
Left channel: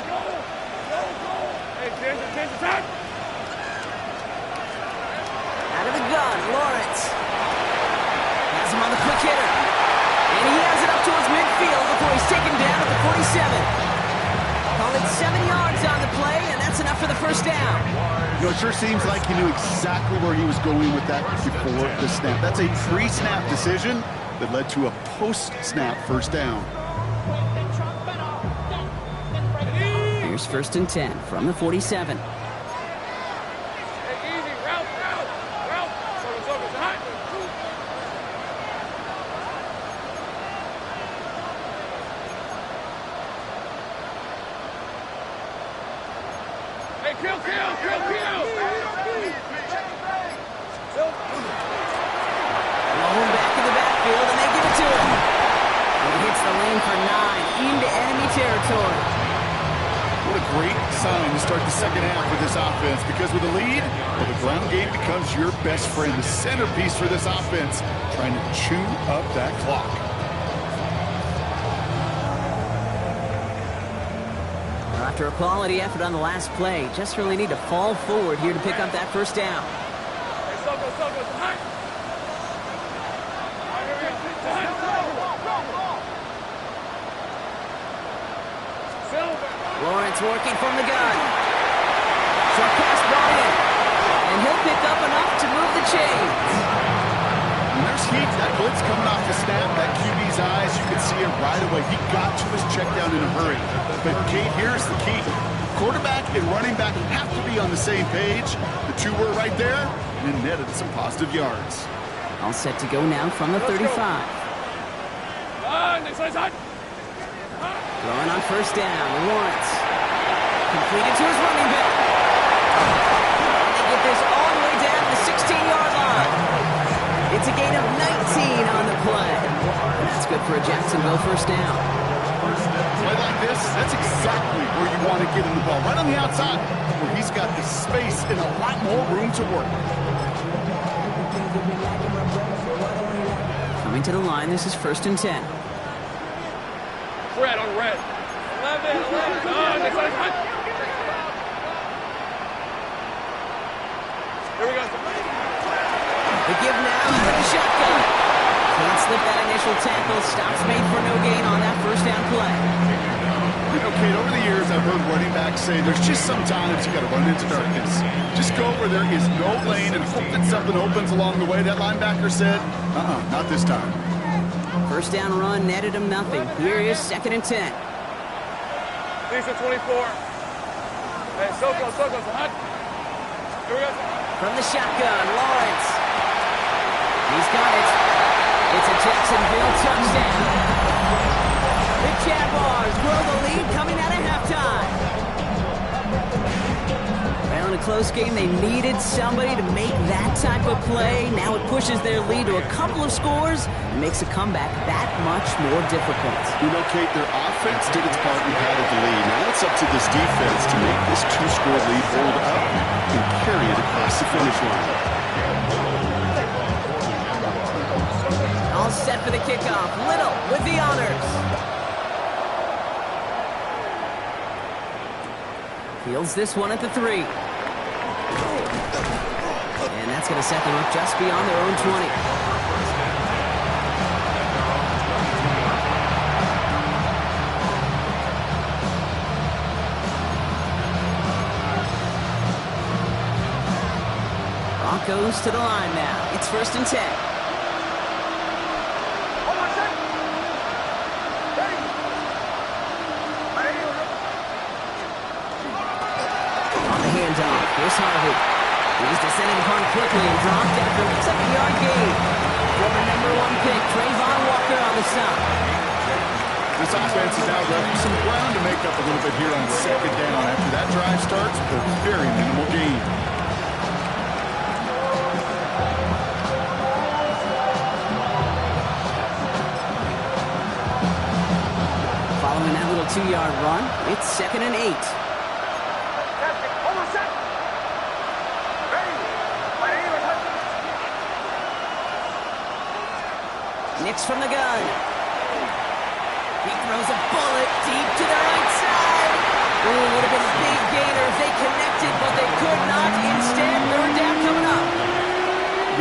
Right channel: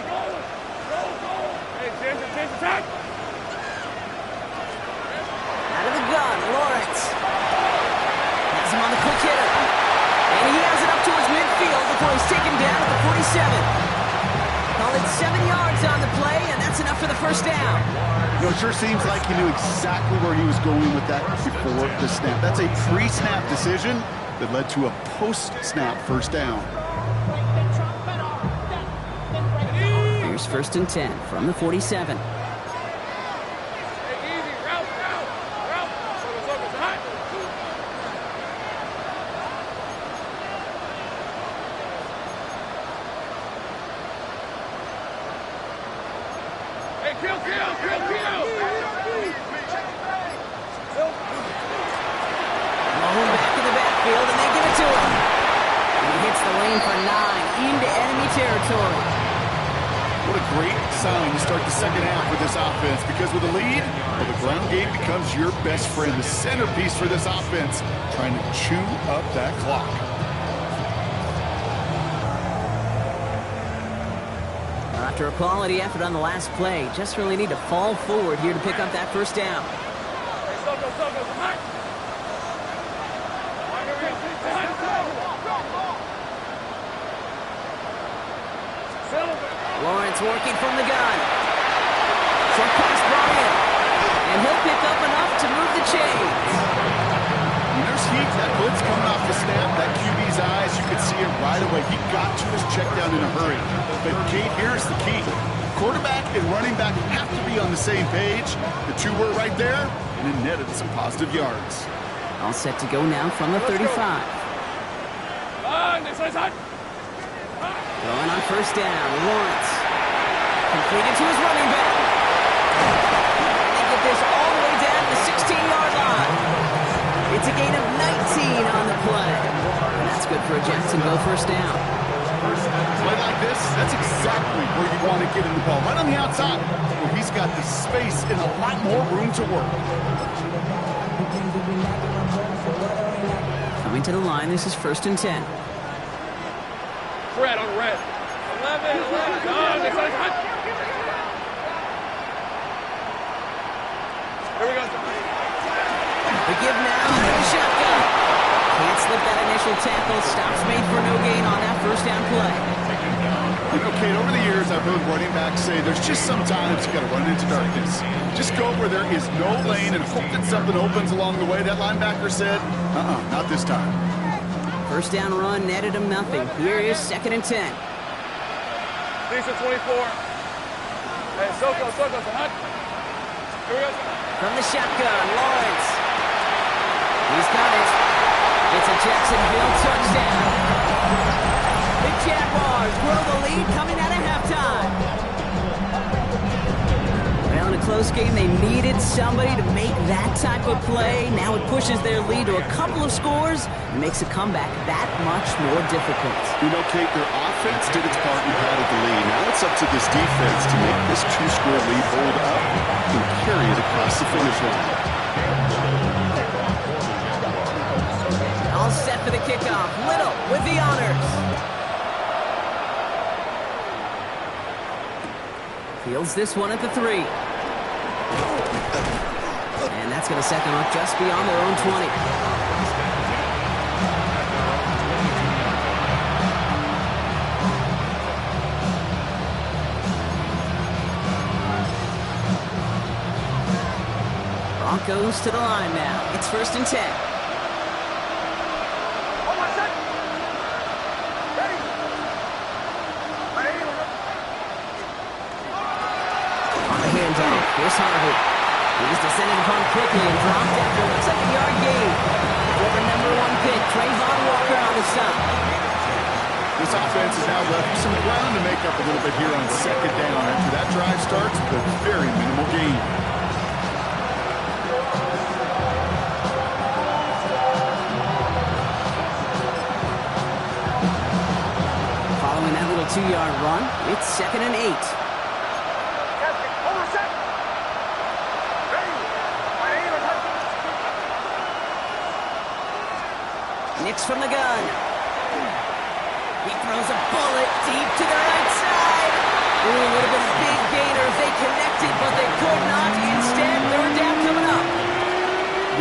Hey, danger, attack. Out of the gun, Lawrence. Has him on the quick hitter. And he has it up towards midfield before he's taken down at the 47. Call it 7 yards on the play, and that's enough for the first down. You know, it sure seems like he knew exactly where he was going with that before the snap. That's a pre-snap decision that led to a post-snap first down. Here's 1st and 10 from the 47. Hey, easy, route. Focus, high. Hey, kill. Low back in the backfield, and they give it to him. He hits the lane for 9 into enemy territory. What a great sign to start the second half with this offense, because with a lead, well, the ground game becomes your best friend, the centerpiece for this offense, trying to chew up that clock. After a quality effort on the last play, just really need to fall forward here to pick up that first down. Hey, Soko, high. Here we go. Lawrence working from the gun. Short pass brought in. And he'll pick up enough to move the chains. When there's heat, that blitz coming off the snap, that QB's eyes, you could see it right away. He got to his check down in a hurry. But Kate, here's the key. Quarterback and running back have to be on the same page. The two were right there, and it netted some positive yards. All set to go now from the 35. Throwing on first down, Lawrence. Completed to his running back. And they get this all the way down to the 16-yard line. It's a gain of 19 on the play. And that's good for a Jacksonville first down. Play like this, that's exactly where you want to get in the ball. Right on the outside, where he's got the space and a lot more room to work. Coming to the line, this is 1st and 10. Red on red. 11. Here we go. The give now for the shotgun. Can't slip that initial tackle. Stops made for no gain on that first down play. You know, Kate, over the years, I've heard running backs say there's just sometimes you got to run into darkness. Just go where there is no lane and hope that something opens along the way. That linebacker said, not this time. First down run netted him nothing. Here is 2nd and 10. Lisa 24. Hey, Soko, hot. Here we go. From the shotgun, Lawrence. He's got it. It's a Jacksonville touchdown. The Jaguars grow the lead coming out of halftime. Well, in a close game, they needed somebody to make that type of play. Now it pushes their lead to a couple of scores and makes a comeback that much more difficult. You know, Kate, their offense did its part and padded the lead. Now it's up to this defense to make this 2-score lead hold up and carry it across the finish line. All set for the kickoff. Little with the honors. Fields this one at the 3. And that's going to set them up just beyond their own 20. Broncos to the line now. It's 1st and 10. Handoff. Here's Harvey. He's descended upon quickly and dropped after looks like a yard gain. Former number 1 pick, Trayvon Walker on the stop. This offense has now left you some ground to make up a little bit here on 2nd down after that drive starts with a very minimal gain. Following that little 2-yard run, it's 2nd and 8. Nix from the gun. He throws a bullet deep to the right side. Ooh, would have been a big gainer if they connected, but they could not. Instead, 3rd down coming up.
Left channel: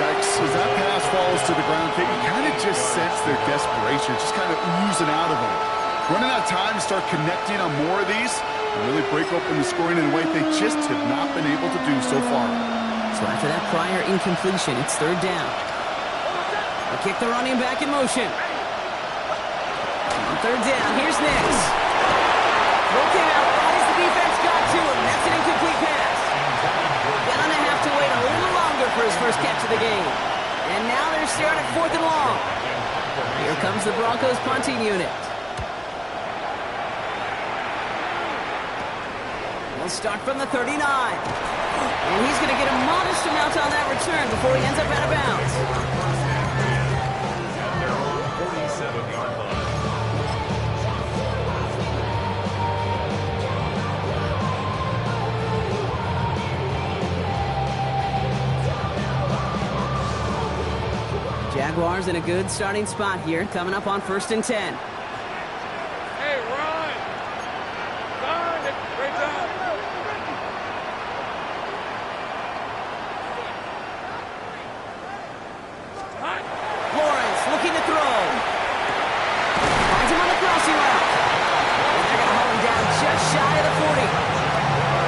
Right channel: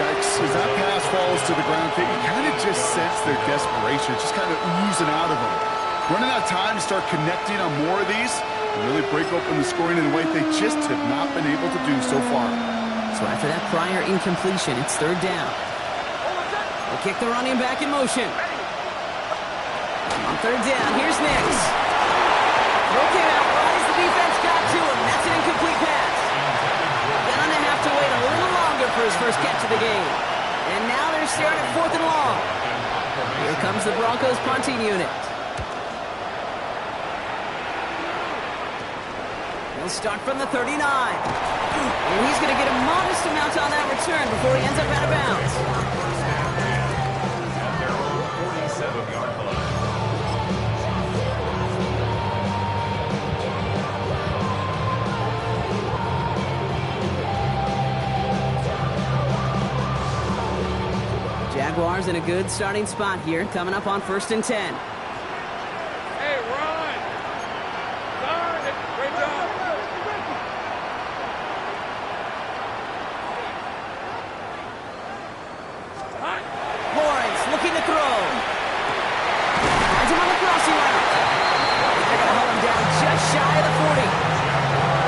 Yikes, as that pass falls to the ground, you kind of just sense their desperation, just kind of oozing out of them. Running out of time to start connecting on more of these and really break open the scoring in a way they just have not been able to do so far. So after that prior incompletion, it's 3rd down. They kick the running back in motion. On 3rd down, here's Nix. Throw came out right as the defense got to him. That's an incomplete pass. Gonna have to wait a little longer for his first catch of the game. And now they're staring at 4th and long. Here comes the Broncos punting unit. He'll start from the 39. And he's going to get a modest amount on that return before he ends up out of bounds. At their own 47-yard line. Jaguars in a good starting spot here, coming up on 1st and 10. Hey, Ron! Darn it! Great job! Lawrence looking to throw. Finds him on the crossing route. And they're going to hold him down just shy of the 40.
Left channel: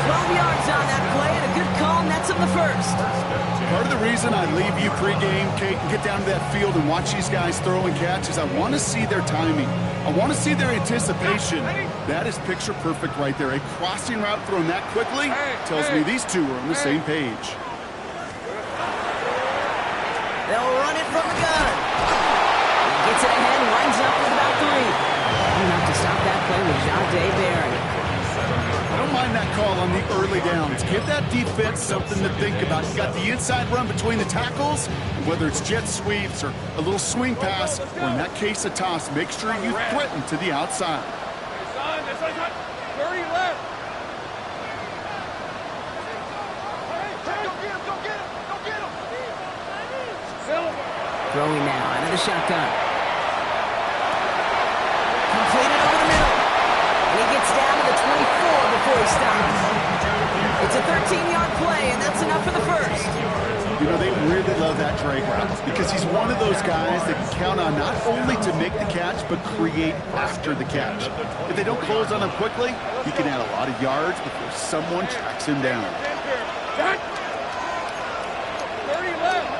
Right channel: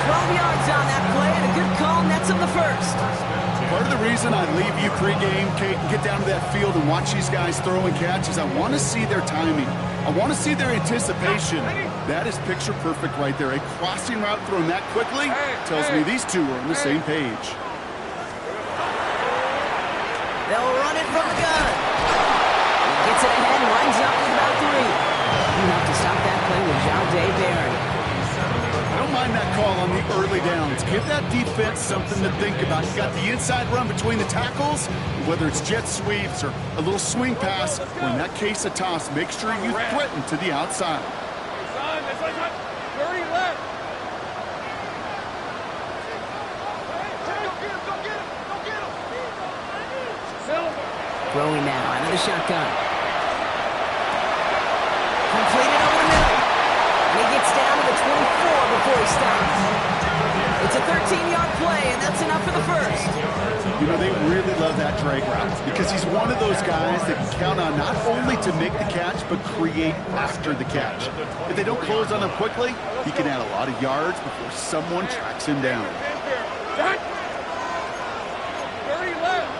12 yards on that play, and a good call nets him the first. Part of the reason I leave you pregame, Kate, and get down to that field and watch these guys throw and catch is I want to see their timing. I want to see their anticipation. That is picture perfect right there. A crossing route thrown that quickly tells me these two are on the same page. They'll run it from the gun. He gets it ahead, winds up with about 3. Enough to stop that play with Bgdean Barry. I don't mind that call on the early downs. Give that defense something to think about. You got the inside run between the tackles, and whether it's jet sweeps or a little swing pass, or in that case a toss, make sure you threaten to the outside. Hey, son, that's like 30 left. Hey, go get him, go get him, go get him. Silver. Throwing now out of the shotgun. Completed over the middle. And he gets down to the 24 before he stops. It's a 13-yard play, and that's enough for the first. You know, they really love that drag route because he's one of those guys that can count on not only to make the catch, but create after the catch. If they don't close on him quickly, he can add a lot of yards before someone tracks him down. 30 left.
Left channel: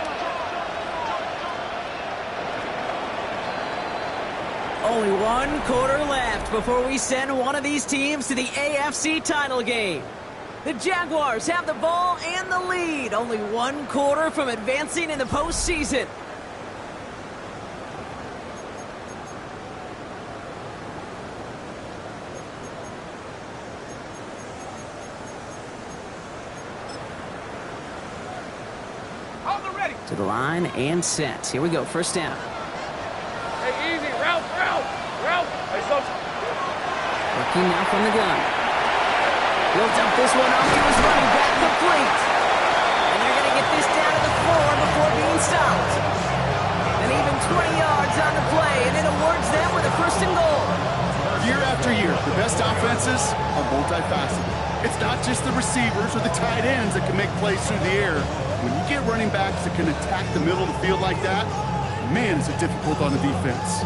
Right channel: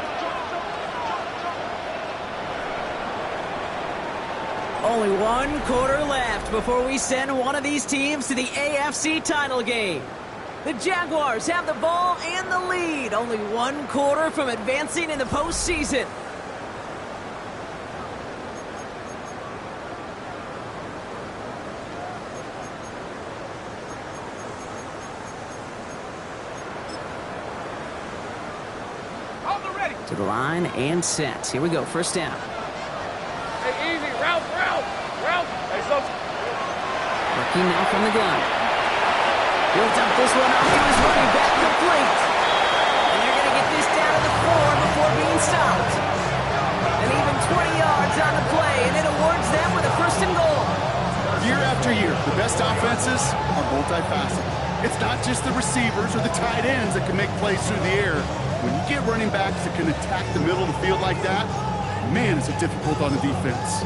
Only 1 quarter left before we send one of these teams to the AFC title game. The Jaguars have the ball and the lead. Only 1 quarter from advancing in the postseason. On the ready. To the line and set. Here we go, first down. Hey, easy. Ralph. Hey, son. Working now from the gun. He'll dump this one off to his running back, complete. And they're going to get this down to the 4 before being stopped. And even 20 yards on the play, and it awards them with a first and goal. Year after year, the best offenses are multifaceted. It's not just the receivers or the tight ends that can make plays through the air. When you get running backs that can attack the middle of the field like that, man, is it difficult on the defense.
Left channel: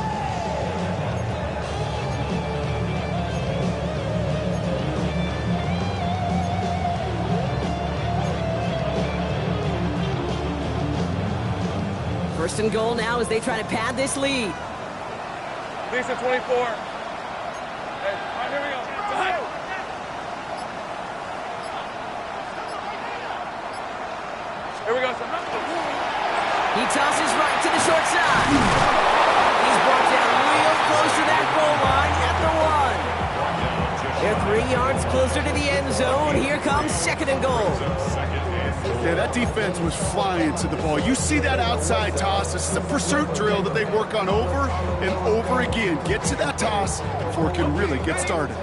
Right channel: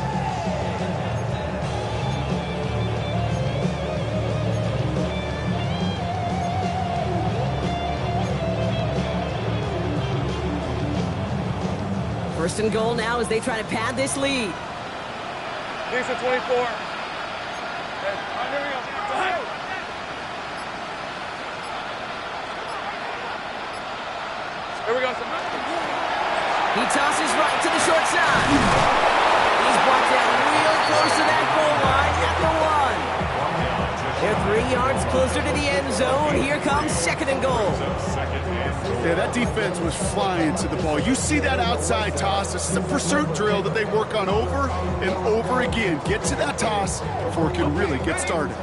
First and goal now as they try to pad this lead. Decent 24. Hey, all right, here we go. Here we go, son. He tosses right to the short side. He's brought down real close to that goal line at the 1. They're 3 yards closer to the end zone. Here comes second and goal. Yeah, that defense was flying to the ball. You see that outside toss. This is a pursuit drill that they work on over and over again. Get to that toss before it can really get started.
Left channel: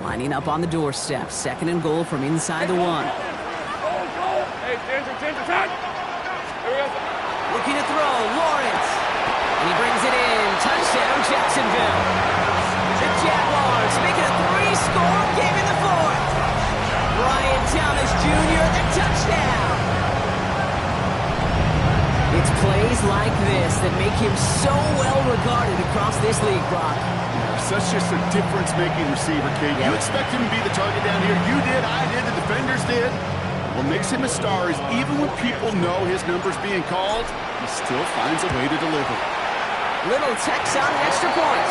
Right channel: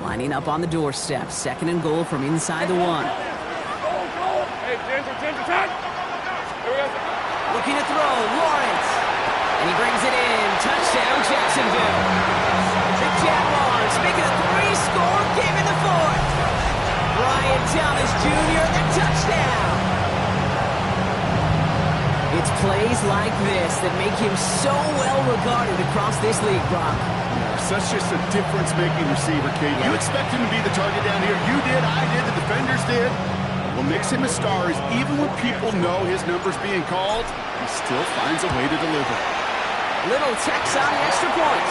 Lining up on the doorstep. Second and goal from inside the 1. Hey, Ginger, time. Here we go. Looking to throw, Lawrence. And he brings it in. Touchdown, Jacksonville. The Jaguars make it a 3-score game in the 4th. Brian Thomas Jr., the touchdown. It's plays like this that make him so well regarded across this league, Brock. Yeah, such just a difference-making receiver, Kate. You expect him to be the target down here. You did, I did, the defenders did. What makes him a star is even when people know his number's being called, he still finds a way to deliver. Little Tex on the extra point.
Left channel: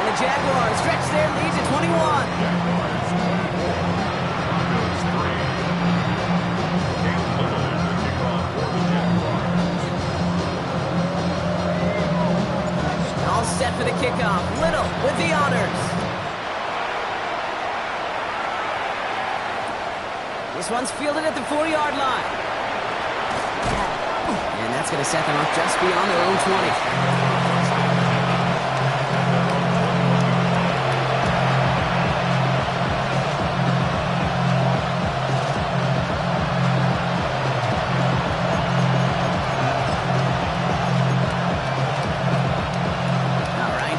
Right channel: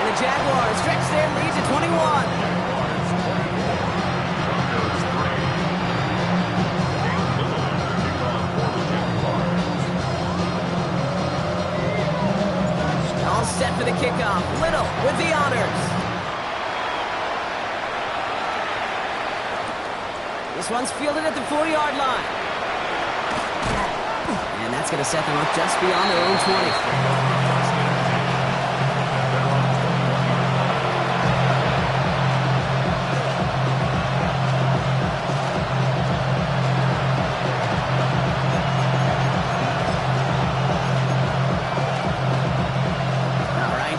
And the Jaguars stretch their lead to 21. All set for the kickoff. Little with the honors. This one's fielded at the 40-yard line. And that's going to set them up just beyond their own 20.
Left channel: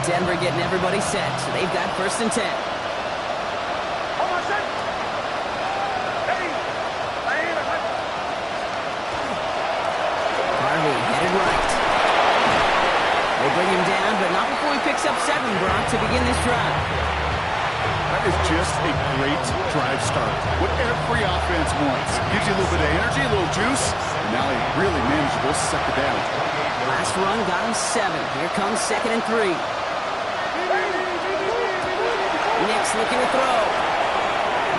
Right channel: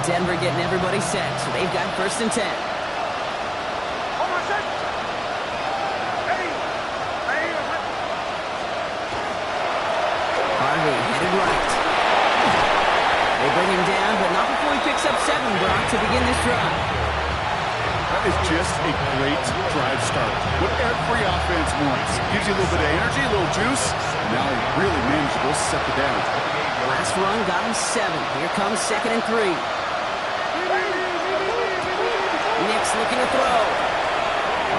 Denver getting everybody set, so they've got first and 10. Hold on, set. Harvey headed right. They bring him down, but not before he picks up 7, Brock, to begin this drive. That is just a great drive start. What every offense wants. Gives you a little bit of energy, a little juice, and now a really manageable second down. Last run got him 7. Here comes 2nd and 3. Nick's looking to throw.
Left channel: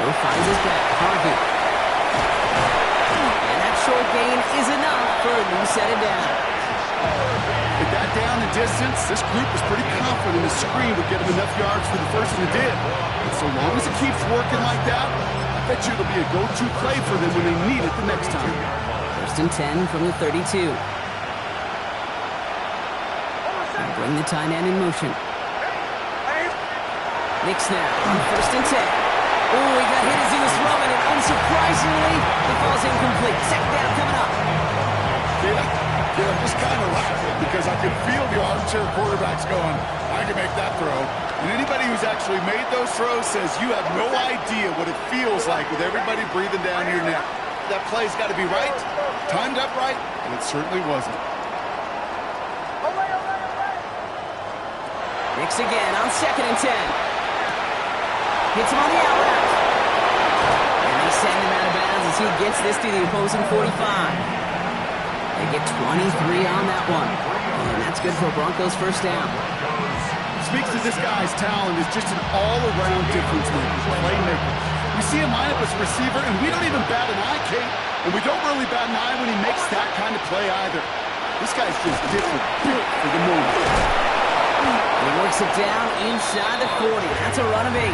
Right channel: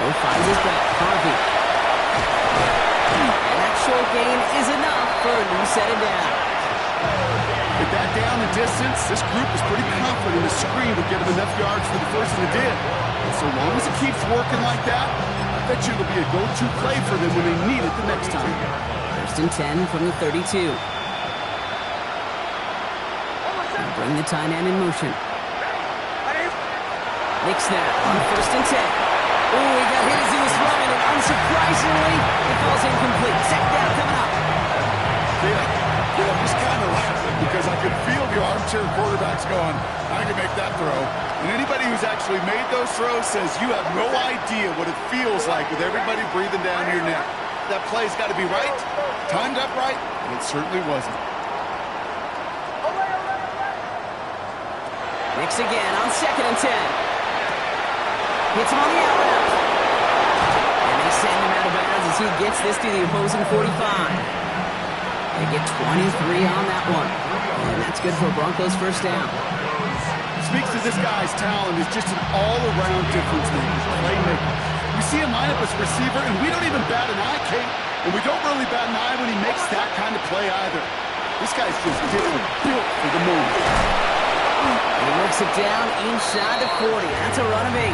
Oh, finds his back. Harvey. And that short gain is enough for a new set of downs. With that down and distance, this group was pretty confident the screen would get them enough yards for the first, and it did. And so long as it keeps working like that, I bet you it'll be a go-to play for them when they need it the next time. 1st and 10 from the 32. And bring the tight end in motion. Nick snap on 1st and 10. Oh, he got hit as he was throwing, and unsurprisingly, it falls incomplete. Second down coming up. Yeah, I'm just kind of laughing because I could feel the armchair quarterbacks going, I can make that throw. And anybody who's actually made those throws says you have no idea what it feels like with everybody breathing down your neck. That play's got to be right, timed up right, and it certainly wasn't. Nick's again on 2nd and 10. Hits him on the out route. And they send him out of bounds as he gets this to the opposing 45. They get 23 on that one. And that's good for Broncos' first down. Speaks to this guy's talent is just an all-around difference maker, playmaker. We see him line up as a receiver, and we don't even bat an eye, Kate. And we don't really bat an eye when he makes that kind of play either. This guy's just different, built for the moment. And he works it down inside the 40. That's a run of 8.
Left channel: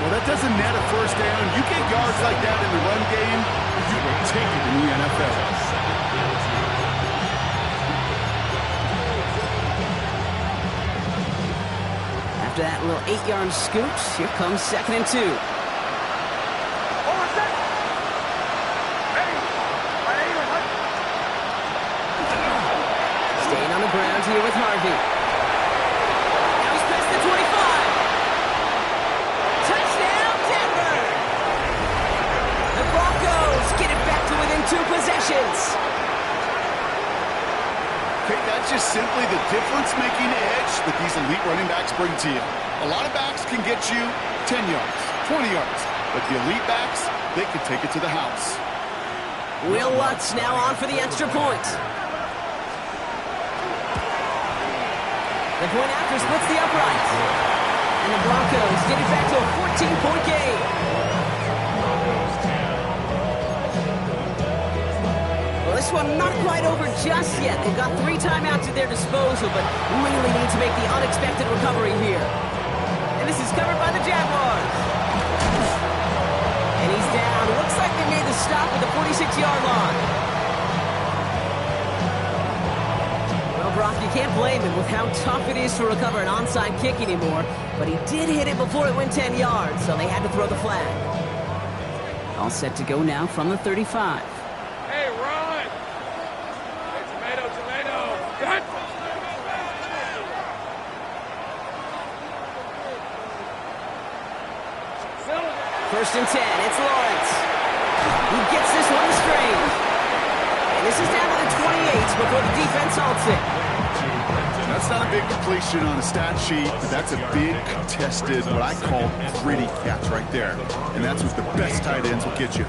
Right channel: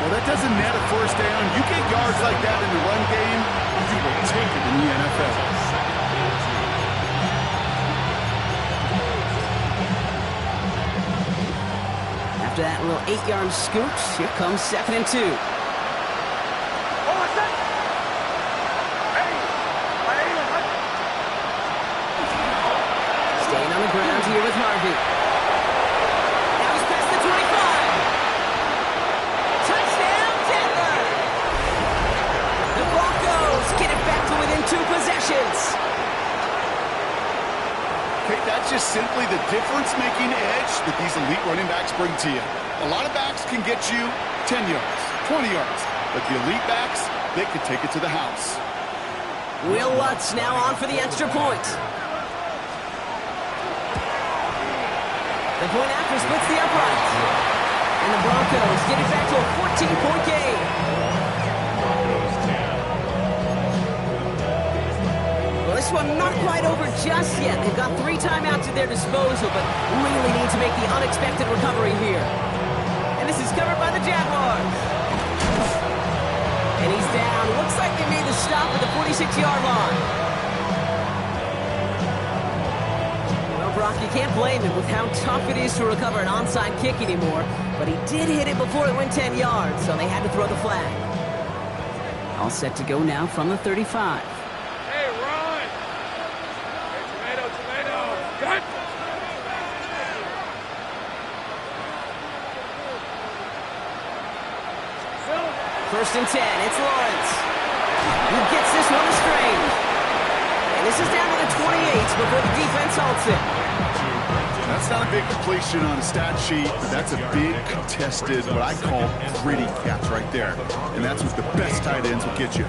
Well, that doesn't net a first down. You get yards like that in the run game, you will take it in the NFL. After that little 8-yard scoot, here comes 2nd and 2. Staying on the ground here with Harvey. Now he's past the 25. Touchdown, Denver! The Broncos get it back to within 2 possessions. Kate, that's just simply the difference-making edge that these elite running backs bring to you. A lot of backs can get you 10 yards, 20 yards, but the elite backs, they can take it to the house. Will Lutz now on for the extra point. The point after splits the uprights. And the Broncos get it back to a 14-point game. Well, this one not quite over just yet. They've got 3 timeouts at their disposal, but really need to make the unexpected recovery here. And this is covered by the Jaguars. And he's down. Looks like they made the stop at the 46-yard line. Well, Brock, you can't blame him with how tough it is to recover an onside kick anymore, but he did hit it before it went 10 yards, so they had to throw the flag. All set to go now from the 35. Hey, run! Hey, tomato! Cut! 1st and 10, it's Lawrence. He gets this one to Strange. And this is down to the 28 before the defense halts it. That's not a big completion on a stat sheet, but that's a big contested, what I call gritty catch right there. And that's what the best tight ends will get you.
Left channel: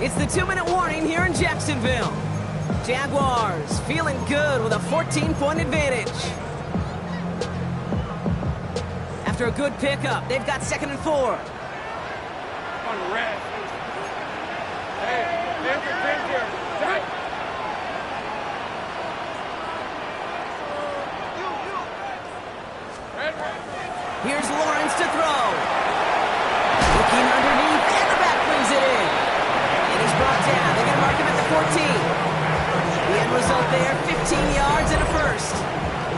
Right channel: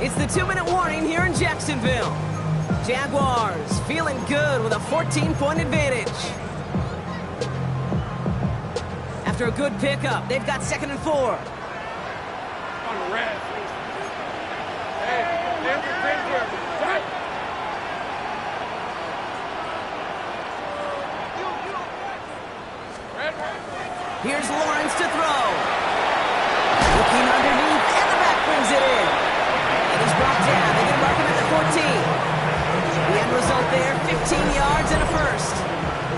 It's the 2-minute warning here in Jacksonville. Jaguars feeling good with a 14-point advantage. After a good pickup, they've got 2nd and 4. On the red. Hey, there's your friend here. Set. Red. Here's Lawrence to throw. Looking underneath, and the back brings it in. And he's brought down. They're going to mark him at the 14. The end result there, 15 yards and a first.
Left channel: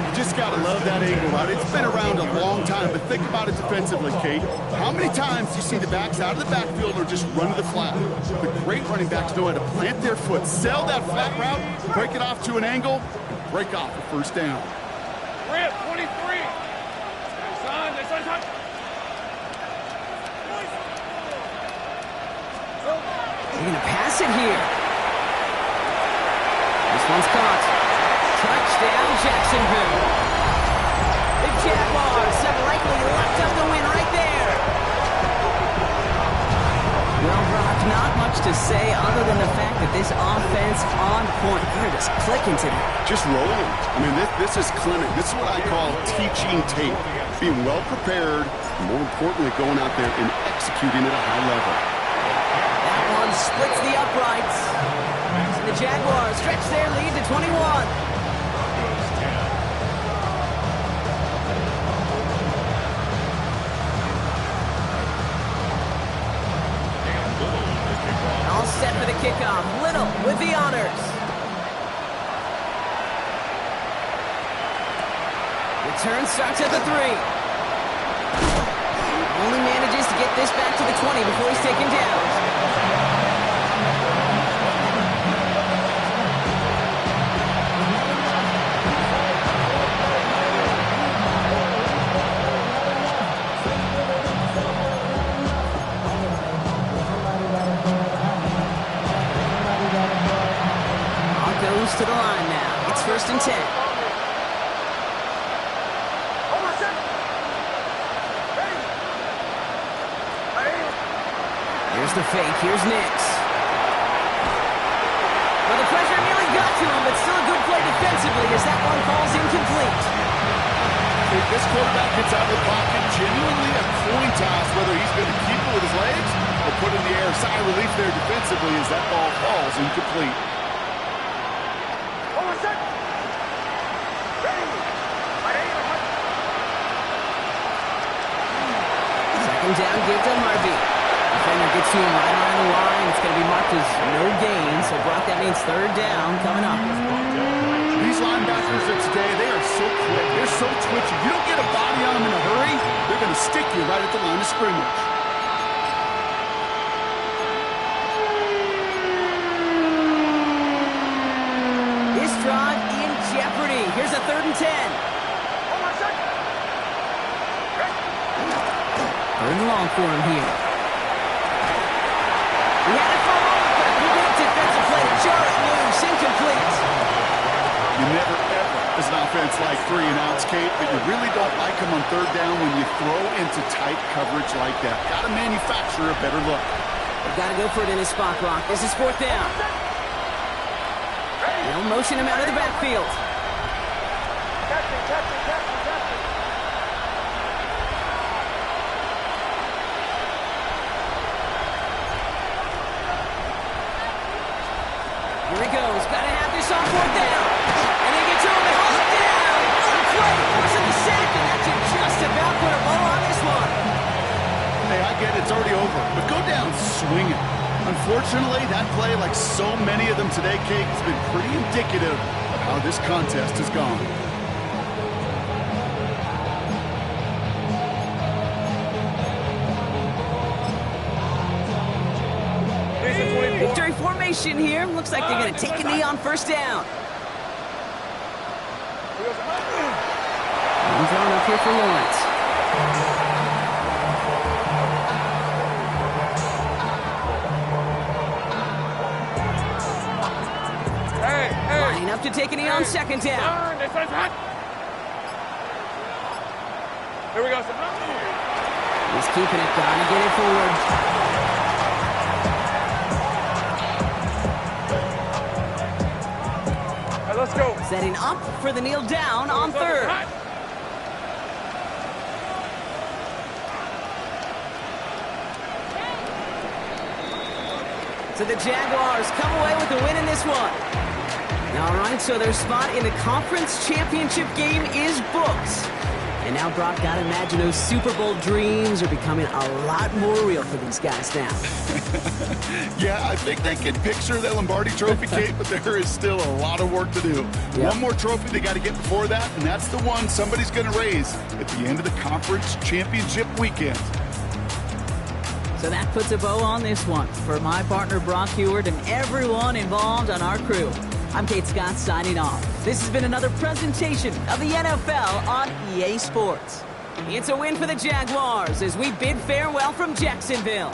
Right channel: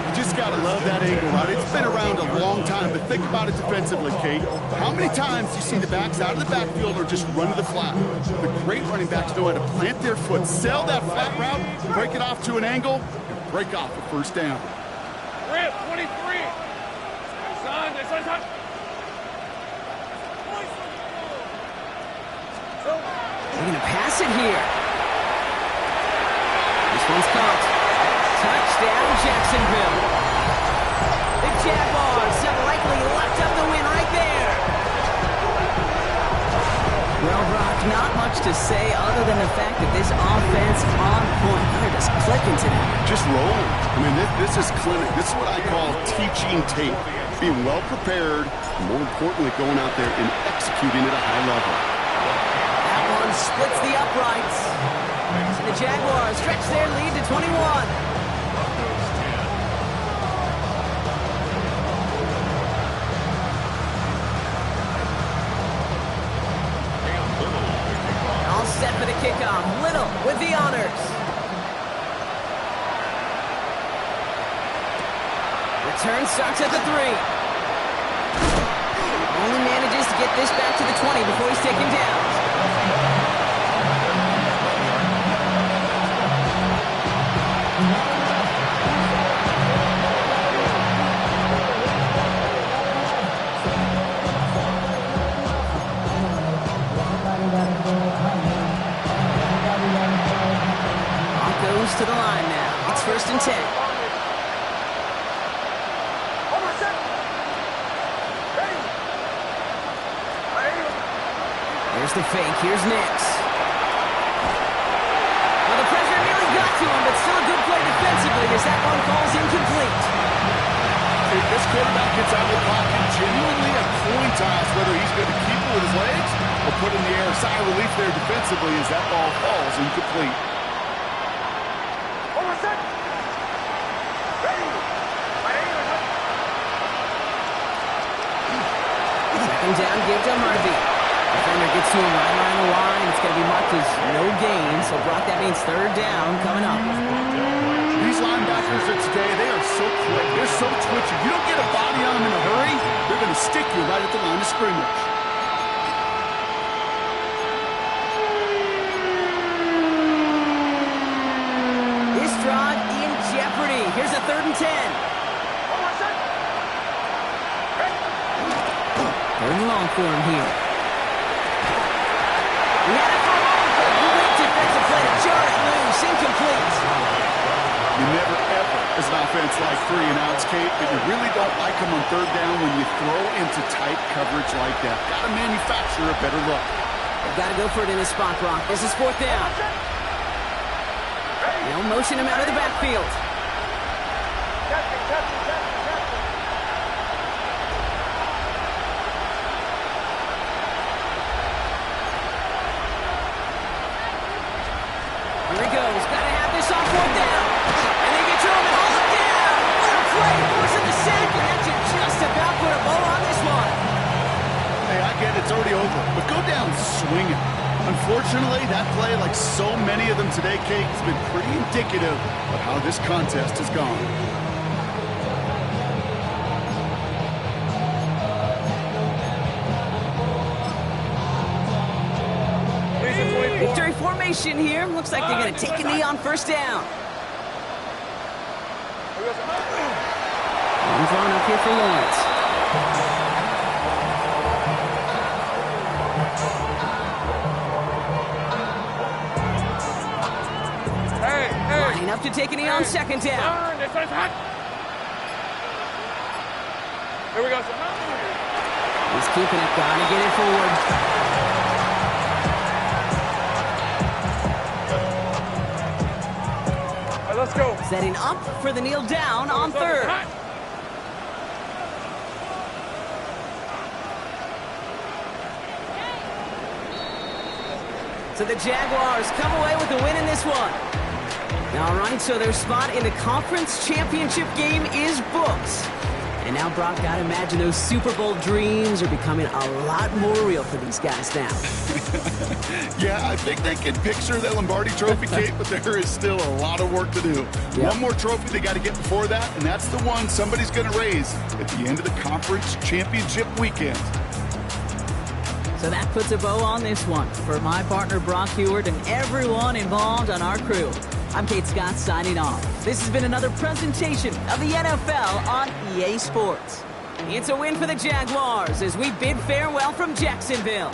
You just got to love that angle, right? It's been around a long time, but think about it defensively, Kate. How many times do you see the backs out of the backfield or just run to the flat? The great running backs know how to plant their foot, sell that flat route, break it off to an angle, and break off a first down. Rip, 23. Son, son. They're going to pass it here. This one's caught. Touchdown, Jacksonville. The Jaguars have likely locked up the win right there. Well, Brock, not much to say other than the fact that this offense on point. They're just clicking today. Just rolling. I mean, this is clinic. This is what I call teaching tape. Being well prepared, and more importantly, going out there and executing at a high level. That one splits the uprights. And the Jaguars stretch their lead to 21. All set for the kickoff. Little with the honors. Return starts at the 3. Only manages to get this back to the 20 before he's taken down. Broncos to the line now. It's 1st and 10. Here's the fake. Here's Nix. Well, the pressure nearly got to him, but still a good play defensively as that one falls incomplete. If this quarterback gets out of the pocket, genuinely a coin toss whether he's going to keep it with his legs or put it in the air. Sigh of relief there defensively as that ball falls incomplete. Second down, give to Harvey. Defender gets to him right around the line. It's going to be marked as no gain. So, Brock, that means 3rd down coming up. These linebackers of today, they are so quick. They're so twitchy. You don't get a body on them in a hurry, they're going to stick you right at the line of scrimmage. This drive in jeopardy. Here's a 3rd and 10. 3rd and long for him here. He had it for a moment, but a great defensive play to jar it loose. Incomplete. You never, ever, as an offense, like 3 and outs, Kate, but you really don't like them on 3rd down when you throw into tight coverage like that. Got to manufacture a better look. They've got to go for it in his spot, Brock. This is 4th down. They'll motion him out of the backfield. Here he goes. Got to have this on 4th down. And they get to him and haul him down. What a play. Forcing the sack, and that should just about put a bow on this one. Hey, I get it's already over, but go down swinging. Unfortunately, that play, like so many of them today, Kate, has been pretty indicative of how this contest has gone. Victory formation here. Looks like they're going to take a knee on 1st down. And thrown up here for Lawrence. Lining up to take a knee on 2nd down. Here we go, sir. He's keeping it. Gonna get it forward. Let's go. Setting up for the kneel down on 3rd. So the Jaguars come away with the win in this one. All right, so their spot in the conference championship game is booked. And now, Brock, gotta imagine those Super Bowl dreams are becoming a lot more real for these guys now. Yeah, I think they can picture the Lombardi Trophy, Kate, but there is still a lot of work to do. Yep. One more trophy they got to get before that, and that's the one somebody's going to raise at the end of the conference championship weekend. So that puts a bow on this one. For my partner, Brock Heward, and everyone involved on our crew, I'm Kate Scott signing off. This has been another presentation of the NFL on EA Sports. It's a win for the Jaguars as we bid farewell from Jacksonville.